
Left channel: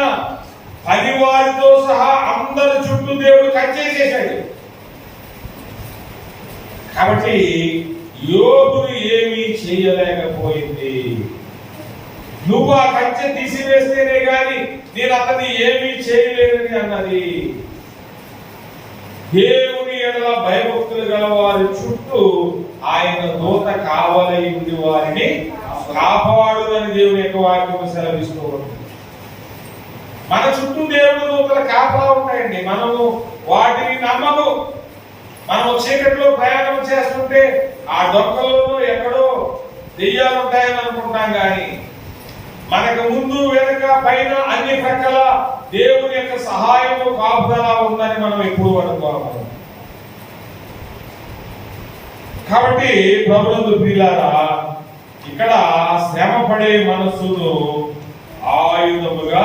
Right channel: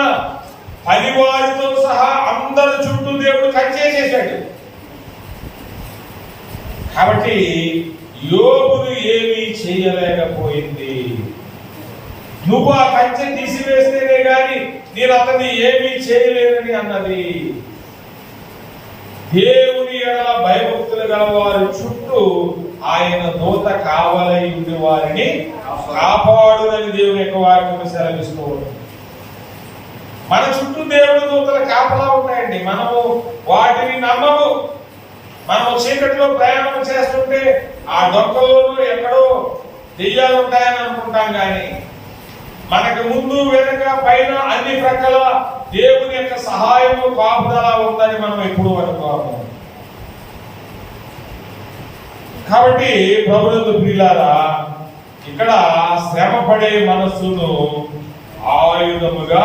పనివారితో సహా అందరి చుట్టూ దేవుడు కంచేసేశాడు. కాబట్టి యోబును ఏమీ చేయలేకపోయింది. నువ్వు ఆ కంచె తీసివేస్తేనే గాని నేను అతన్ని ఏమీ చేయలేనని అన్నది. దేవుని ఎడల భయభక్తులుగా వారి చుట్టూ ఆయన దూత కావలై ఉండి వారిని కాపాడునని దేవుని యొక్క వాక్యం సెలవిస్తూ ఉంటుంది. మన చుట్టూ దేవుడి దూతల కాపలా ఉంటాయండి. మనము వాటిని నమ్మము. మనం చీకటిలో ప్రయాణం చేస్తుంటే ఆ డొక్కలోనూ ఎక్కడో దెయ్యాలు ఉంటాయని అనుకుంటాం, కానీ మనకు ముందు వెనుక పైన అన్ని ప్రక్కల దేవుని యొక్క సహాయము కాపుదల ఉందని మనం ఎప్పుడు అనుకోము. కాబట్టి ప్రభునందు ప్రియులారా, ఇక్కడ శ్రమ పడే మనస్సును ఆయుధముగా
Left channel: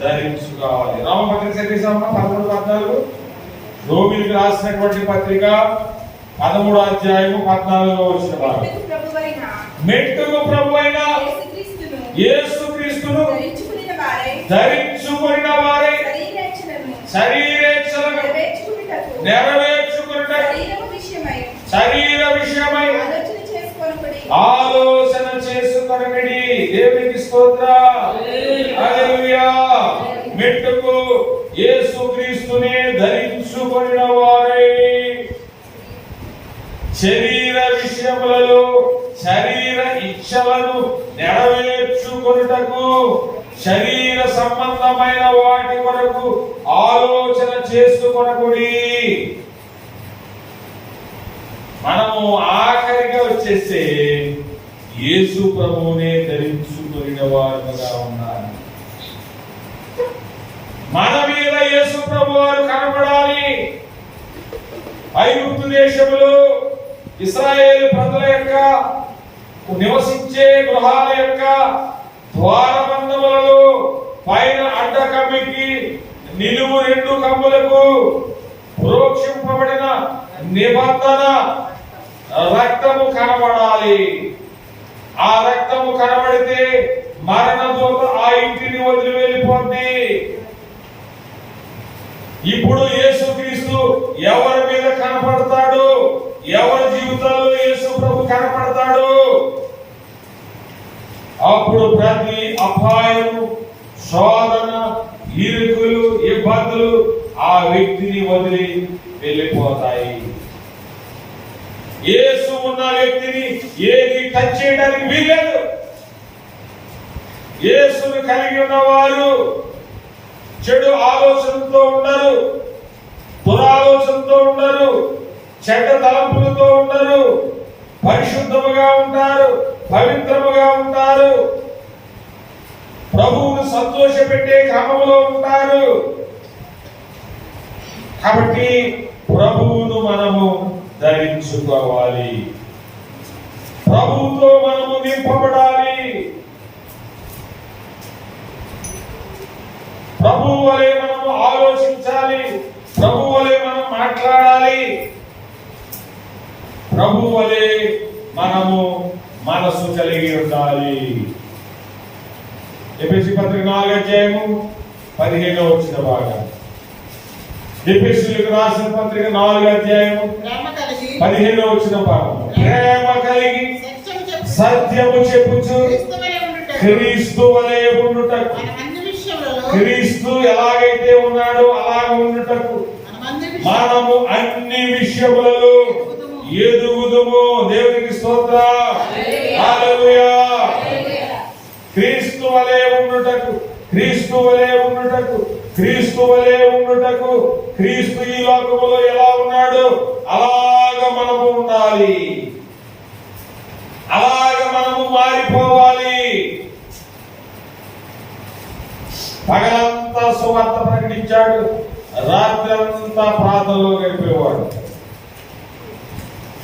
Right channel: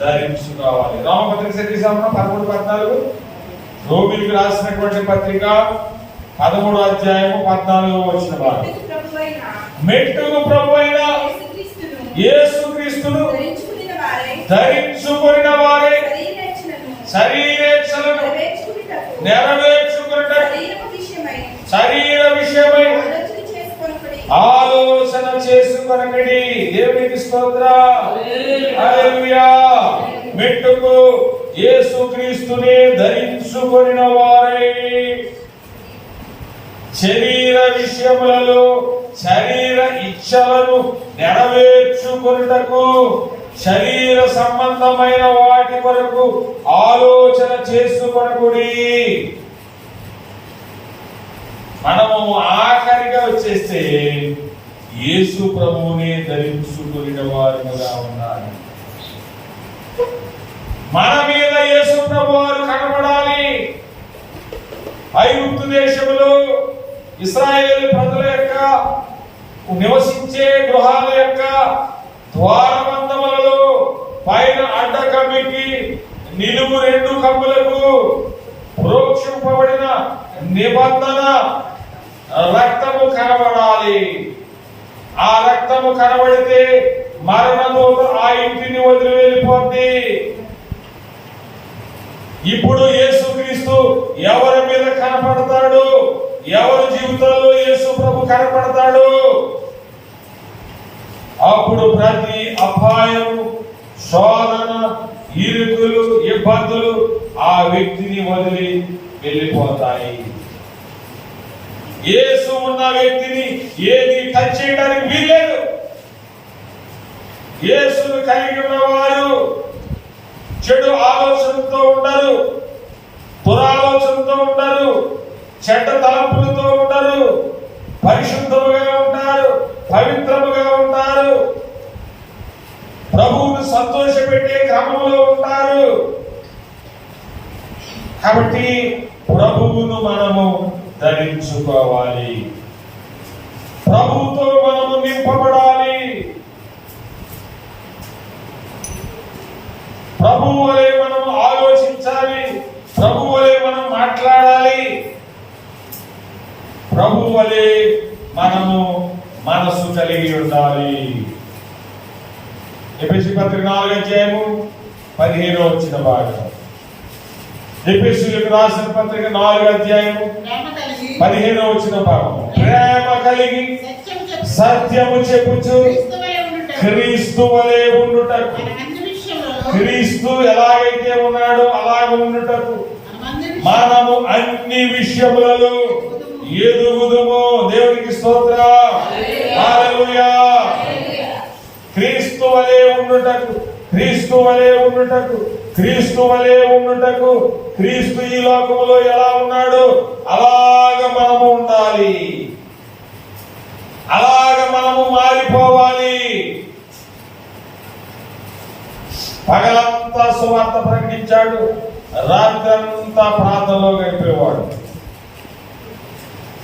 ధరించుకోవాలి. రోమపత్రిక చదివామా 13-14, రోమిలకు రాసినటువంటి పత్రిక 13వ అధ్యాయము 14వ వచనం. మెట్టుకు ప్రభువైన యేసుక్రీస్తును ధరించుకొనిన వారై శరీరేచ్ఛలను నెరవేర్చుకొనుటకు శరీర విషయమై ఆలోచన చేసుకొనకడి. దేవునికి స్తోత్రం. హల్లెలూయా. మెట్టుకు యేసుక్రీస్తునే ధరించుకొనిన వారై శరీర విషయములలో శరీర ఇచ్ఛలను నెరవేర్చుకొనుటకు శరీర సంబంధమైన వాటి వరకు ఆలోచన చేసుకొనకుడి. మనము ఆఖరిగా వచ్చేస్తే యేసు ప్రభువునే ధరించుకొనిన వారుగా ఉండాలి. మన మీద యేసు ప్రభు వారు కనబడాలి. ఐగుప్తు దేశంలో ఇశ్రాయేలు ప్రజల యొక్క నివసించే గృహాల యొక్క ద్వారబంధములలో పైన అడ్డకమ్మికి నిలువు 2 కమ్ములకు ప్రోక్షింపబడిన నిబంధన రక్తము కనబడాలి. ఆ రక్తము కనబడితే మరణ దూత ఆ ఇంటిని వదిలి వెళ్ళిపోద్ది. ఇప్పుడు యేసుక్రీస్తు ఎవరి మీద కనపడతాడు, ఎవరి జీవితాల్లో యేసు ప్రభు కనపడతాడు, అప్పుడు ప్రతి అపాయము, శోధన, ఇరుకులు, ఇబ్బందులు ఆ వ్యక్తిని వదిలి వెళ్ళిపోతాయి. యేసు ఉన్న వ్యక్తిని ఏది టచ్ చేయడానికి వీల్లేదు. యేసును కలిగి ఉన్నవారు చెడు ఆలోచనతో ఉండరు, దురాలోచనతో ఉండరు, చెడ్డ తలంపులతో ఉండరు, పరిశుద్ధముగా ఉంటారు, పవిత్రముగా ఉంటారు, ప్రభువును సంతోషపెట్టే క్రమంలో ఉంటారు. కాబట్టి ప్రభువును మనము ధరించుకోవాలి, ప్రభువుతో మనము నింపబడాలి. ప్రభు వలె మనము మనస్సు కలిగి ఉండాలి. ఎఫెసీ పత్రిక 4:15 భాగం. ఎఫెసీయులకు రాసిన పత్రిక 4:15 భాగం. ప్రేమ కలిగి సత్యము చెప్పుచు క్రీస్తు వలె ఉండుటకు, క్రీస్తు ఎలాగైతే ఉన్నాడో అలాగే ఉండుటకు మనము అన్ని విషయములలో ఎదుగుదుము. దేవునికి స్తోత్రం. హల్లెలూయా. క్రీస్తు వలె ఉండుటకు, క్రీస్తు వలె ఉండుటకు, క్రీస్తు వలె ఉండుటకు, క్రీస్తు ఈ లోకములో ఎలా ఉన్నాడు అలాగ మనము ఉండాలి, అలాగ మనము మారిపోవాలి. పగలంతా సువార్త ప్రకటించాడు, రాత్రంతా ప్రార్థనలో గడిపేవాడు.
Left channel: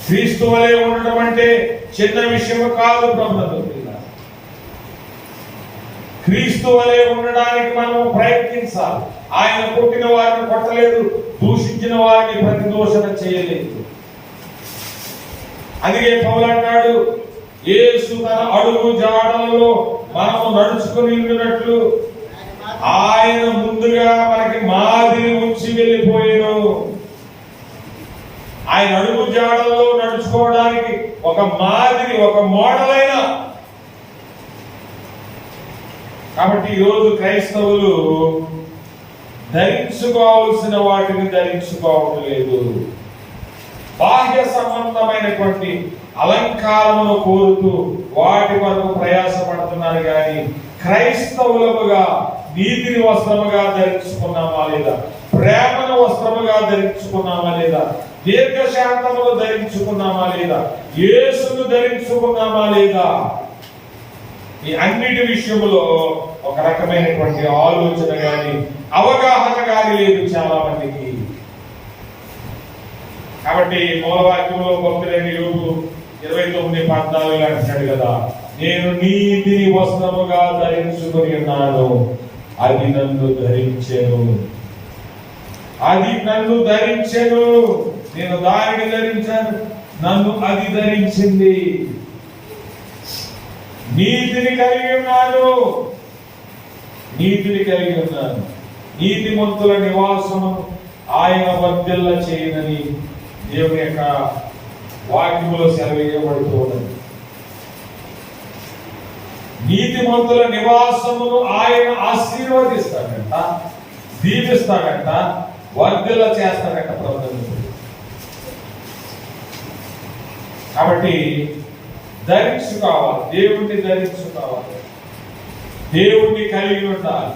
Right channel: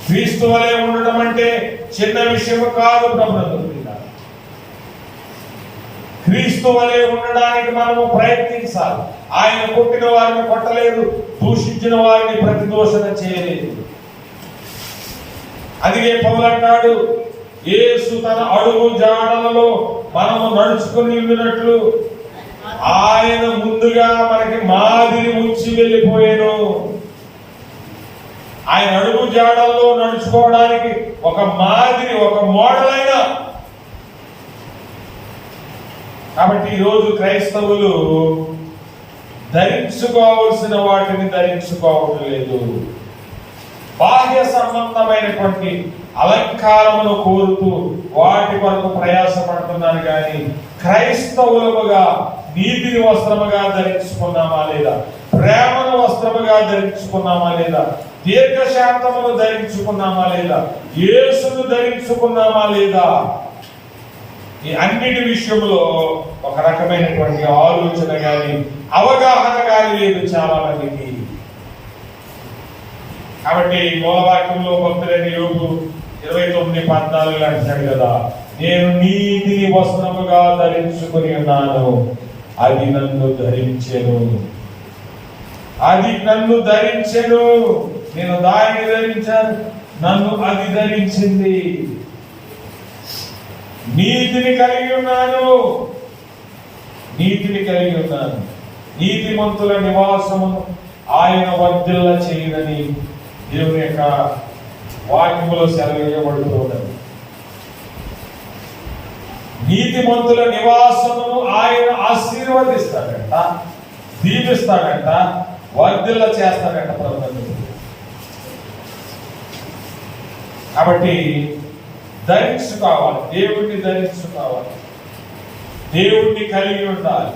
క్రీస్తు వలె ఉండడం అంటే చిన్న విషయం కాదు ప్రభుత్వం. క్రీస్తు వలె ఉండడానికి మనము ప్రయత్నించాలి. ఆయన కొట్టిన వారిని కొట్టలేదు, దూషించిన వారిని ప్రతిదోషణ చేయలేదు. అందుకే పౌలు అంటాడు, యేసు తన అడుగు జాడలలో మనము నడుచుకుని వెళ్ళినట్లు ఆయన ముందుగా మనకి మాదిరి ఉంచి వెళ్ళిపోయాను. ఆయన అడుగు జాడల్లో నడుచుకోవడానికి ఒక మాదిరి, ఒక మోడల్ అయినా. కాబట్టి ఈరోజు క్రైస్తవులు ధరించుకోవాల్సిన వాటిని ధరించుకోవడం లేదు. బాహ్య సంబంధమైనటువంటి అలంకారమును కోరుతూ వాటి కొరకు ప్రయాసపడుతున్నారు కానీ క్రైస్తవులముగా నీతిని వస్త్రముగా ధరించుకున్నామా లేదా, ప్రేమను వస్త్రముగా ధరించుకున్నామా లేదా, దీర్ఘశాంతమును ధరించుకున్నామా లేదా, యేసును ధరించుకున్నామా లేదా, ఈ అన్నిటి విషయంలో ఒక రకమైనటువంటి ఆలోచన కానీ అవగాహన కానీ లేదు చాలా మందికి. కాబట్టి మూలవాక్యంలో భక్తులైన యోబు 29:14 అంటున్నాడు కదా, నేను నీతిని వస్త్రముగా ధరించుకుని ఉన్నాను, అది నన్ను ధరించెను, అది నన్ను ధరించెను. నేను దానిని ధరించాను, నన్ను అది ధరించింది. నీతిని కలిగి ఉన్నాను, నీతిని కలిగి ఉన్నాను. నీతిమంతుల నివాసమును ఆయన వర్ధిల్ల చేయనని దేవుని యొక్క వాక్యములో సెలవీయబడుతున్నది. నీతిమంతుల నివాసమును ఆయన ఆశీర్వదిస్తాడంట, దీవిస్తాడంట, వర్ధిల్ల చేస్తాడంట ప్రభుత్వం. కాబట్టి ధరించుకోవాలి, దేవుణ్ణి ధరించుకోవాలి, దేవుణ్ణి కలిగి ఉండాలి.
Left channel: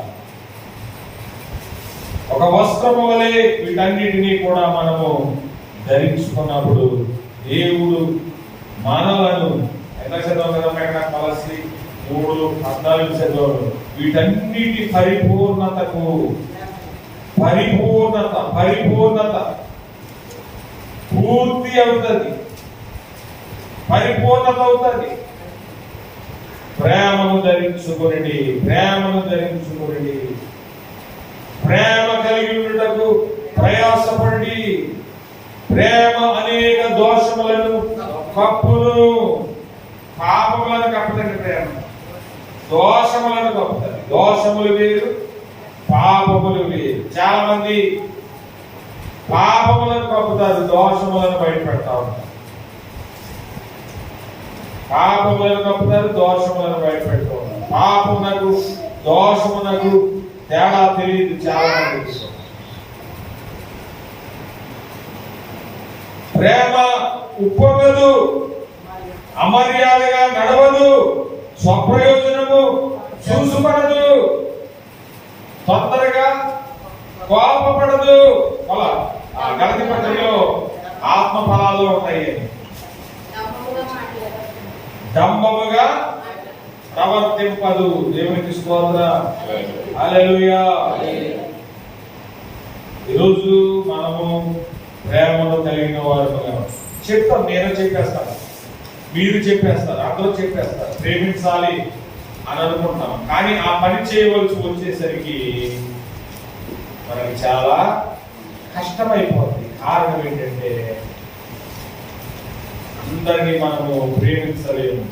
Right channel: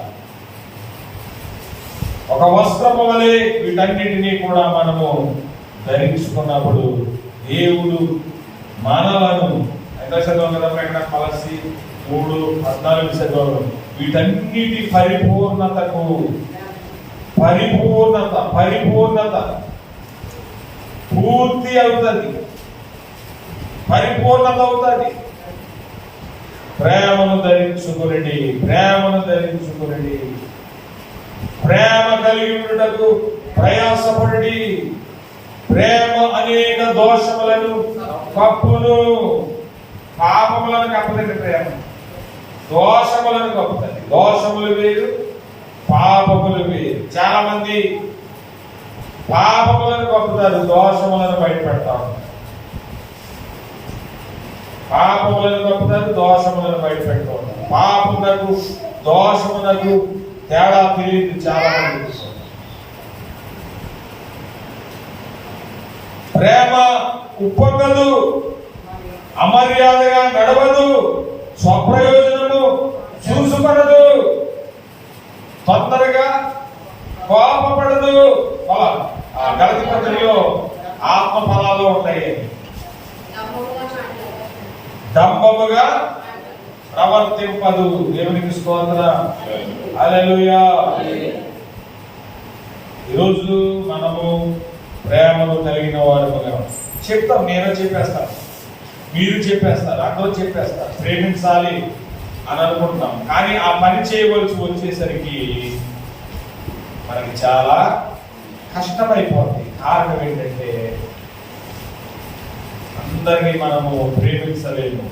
ఒక వస్త్రము వలె వీటన్నిటినీ కూడా మనము ధరించుకున్నప్పుడు దేవుడు మనలను ఎంత చదవం కదా ప్రకటన పలసి 3:14 చదవను, వీటన్నిటి పరిపూర్ణతకు, పరిపూర్ణత పరిపూర్ణత పూర్తి అవుతుంది, పరిపూర్ణత అవుతుంది. ప్రేమను ధరించుకుని, ప్రేమను ధరించుకుని, ప్రేమ కలిగి ఉండుటకు ప్రయాసపడి, ప్రేమ అనేక దోషములను కప్పును. పాపములను కప్పదండి ప్రేమ, దోషములను కప్పుతుంది. దోషములు వేరు, పాపములు వేరు. చాలా మంది పాపములను కప్పుతారు, దోషములను బయటపెడతారు. పాపములను కప్పుతారు, దోషములను బయటపెడుతూ ఉంటారు. పాపమునకు దోషమునకు తేడా తెలియదు చాలా మంది. ప్రేమ ఉప్పొంగదు, అమర్యాదగా నడవదు, స్వప్రయోజనము చూసుకొనదు, తొందరగా కోపపడదు. గలతీ పత్రికలో ఆత్మ ఫలాలు ఉంటాయి. డంబముగా ప్రవర్తింపదు. దేవునికి స్తోత్రం. హల్లెలూయా. ఈరోజు మనము ప్రేమను కలిగిన వారుగా చెప్తాం. నేను చెప్పేస్తాను, మీరు చెప్పేస్తారు, అందరూ చెప్పేస్తారు, ప్రేమించాలి అని అనుకుంటున్నాం. కానీ ఆ పని చేయవలసి వచ్చేసరికి మనకి చాలా కష్టమైపోతుంది. కారణం ఏంటంటే అందరినీ మనము ప్రేమించలేము.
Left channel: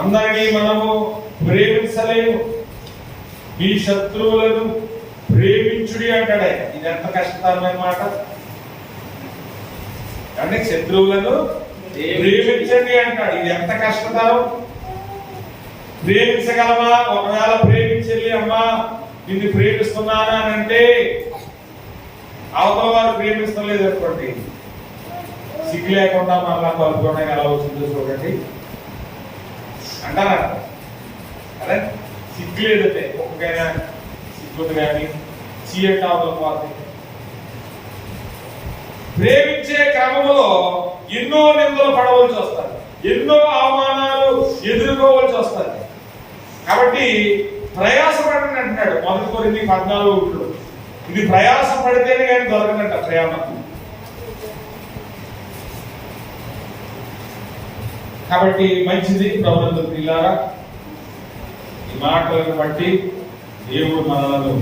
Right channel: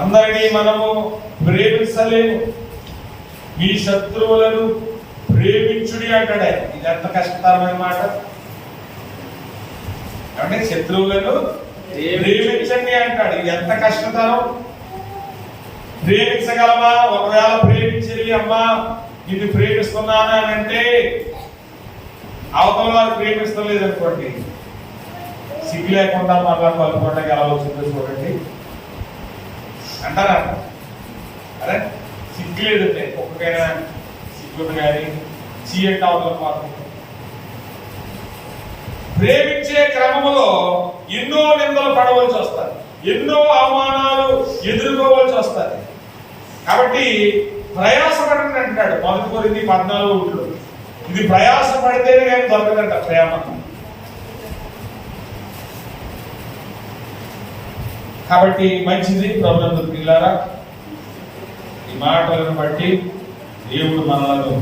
అందరినీ మనము ప్రేమించలేము. మీ శత్రువులను ప్రేమించుడి అంటాడు. ఇది ఎంత కష్టతరమైన మాట. అంటే శత్రువులను ప్రేమించండి అంటాడు. ఇది ఎంత కష్టతరం. ప్రేమించగలమా? ఒకవేళ ప్రేమించెల్లి అమ్మా నిన్ను ప్రేమిస్తున్నాను అని అంటే అవతల వారు ప్రేమిస్తలేదు అనుకోండి, సిగ్గు లేకుండా మళ్ళా కలుపుకుండా ఎలా వచ్చిందో చూడండి అంటారా? అరే సిగ్గు లేదంటే ఒక్కకైనా సిగ్గుంది కానీ చీయంటే అవతల మాత్రం. ప్రేమించే క్రమంలో ఎన్నో నిందలు పడవలసి వస్తారు, ఎన్నో అవమానాలు ఎదుర్కోవలసి వస్తారు. కాబట్టి ప్రయాసపడండి అంటున్నాడు 1 కొరింథీ 14:1. ఇది ప్రయాస పడితేనే కానీ దొరకదంట ప్రేమ. కాబట్టి మంచిది ప్రభునందు పిల్లారా, ఈ మాటలను బట్టి దేవుడు మనలను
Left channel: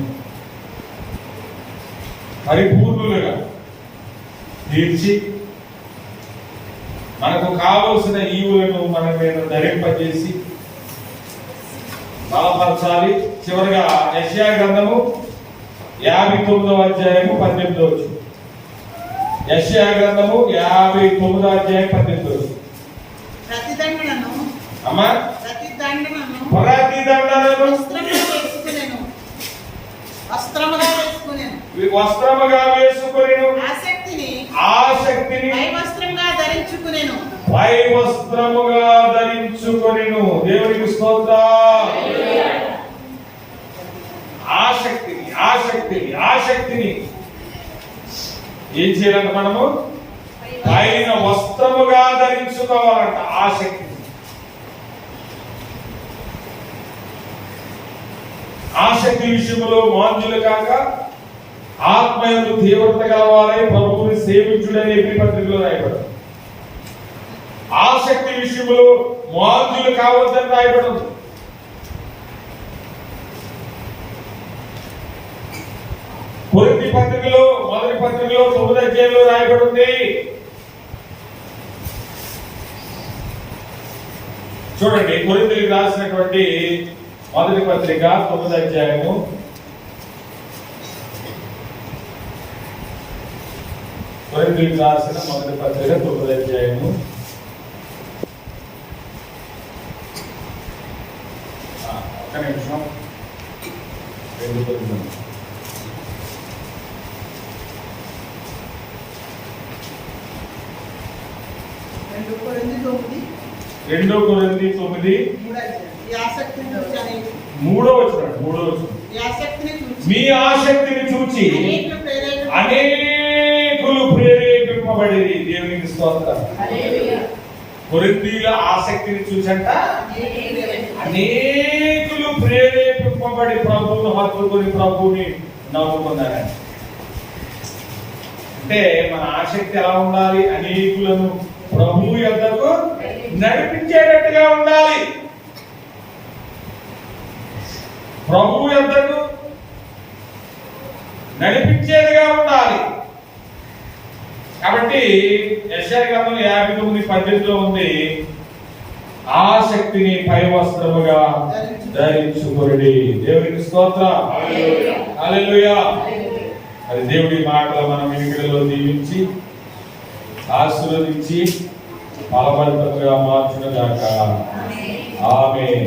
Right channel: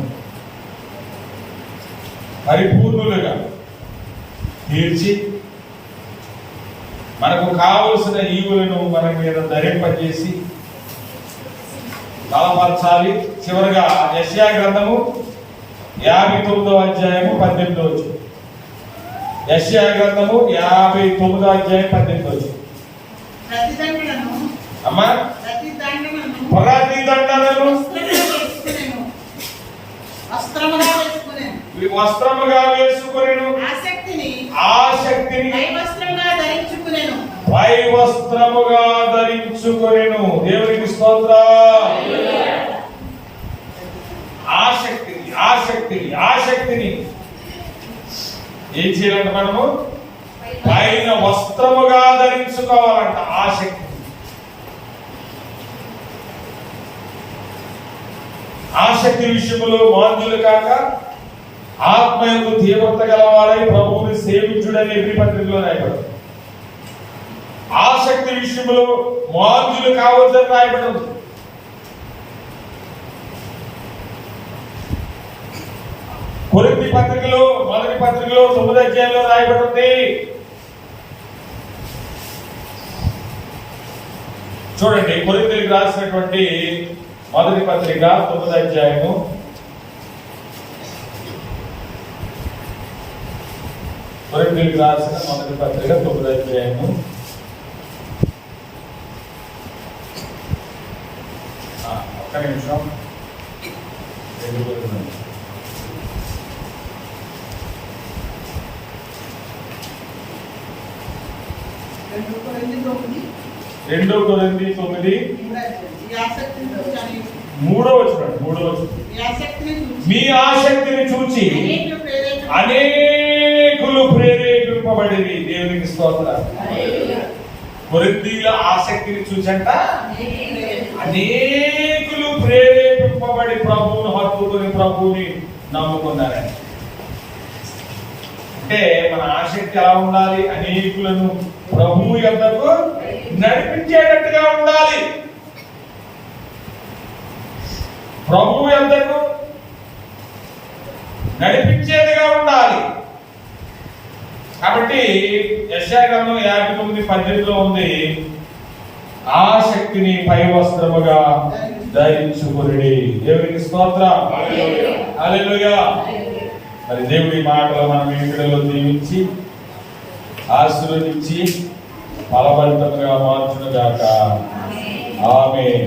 పరిపూర్ణులుగా తీర్చి మనకు కావలసిన ఈవులను మన మీద ధరింపజేసి బలపరచాలి. చివరిగా యెషయా గ్రంథము 59వ అధ్యాయము 18వ వచనం. యెషయా గ్రంథము 59వ అధ్యాయం 18వ వచనం. అమ్మా ప్రతిదండనను వస్త్రముగా వేసుకొనెను, ఆసక్తిని పై వస్త్రముగా ధరించుకొనెను. దేవునికి స్తోత్రం. ఆసక్తిని ఏం చేయాలంట? మనము పైన వస్త్రముగా ధరించుకోవాలంట. ఆసక్తి విషయంలో మాంద్యులు కాక ఆత్మయందు తీవ్రత గలవారై ప్రభువుని సేవించుడని ఎబ్రీ పత్రికలో రాయబడింది. ఆసక్తి విషయంలో మాంద్యులు కావద్దని రాయబడింది. కొరింథీ పత్రికలో 1వ పత్రికలో 9వ అధ్యాయంలో రాయబడింది. చూడండి, కొరింథీయులకు రాసినటువంటి 1వ పత్రిక 9వ అధ్యాయము 1వ పత్రిక 9వ అధ్యాయము ఒక్క నిమిషం. 2 కొరింథీ 9 3వ వచనం. మీ ఆసక్తిని చూచి అనేకులు ప్రేరేపింపబడిరి. దేవునికి స్తోత్రం. కొరింథీయుల ఆసక్తిని చూసంట అనేకులు ప్రేరేపింపబడి ప్రభువును హత్తుకుని ప్రభువుని నమ్ముకున్నారని. అంటే మన ఆసక్తి ఎలా ఉండాలి? అనేకులను ప్రభువు యొద్దకు నడిపించేటట్టుగా ఉండాలి. ప్రభువు యొద్దకు నడిపించేదిగా ఉండాలి. కాబట్టి యెషయా గ్రంథం 59:18లో ఉంది, ఆసక్తిని పై వస్త్రముగా ధరించుకొనుడి. దేవునికి స్తోత్రం. హల్లెలూయా. మరి దేవుడి మాటలో మనం ఇంటిలో దీవించి ఆశీర్వదించి బలవంతంగా మార్చును గాక. ఆమేన్.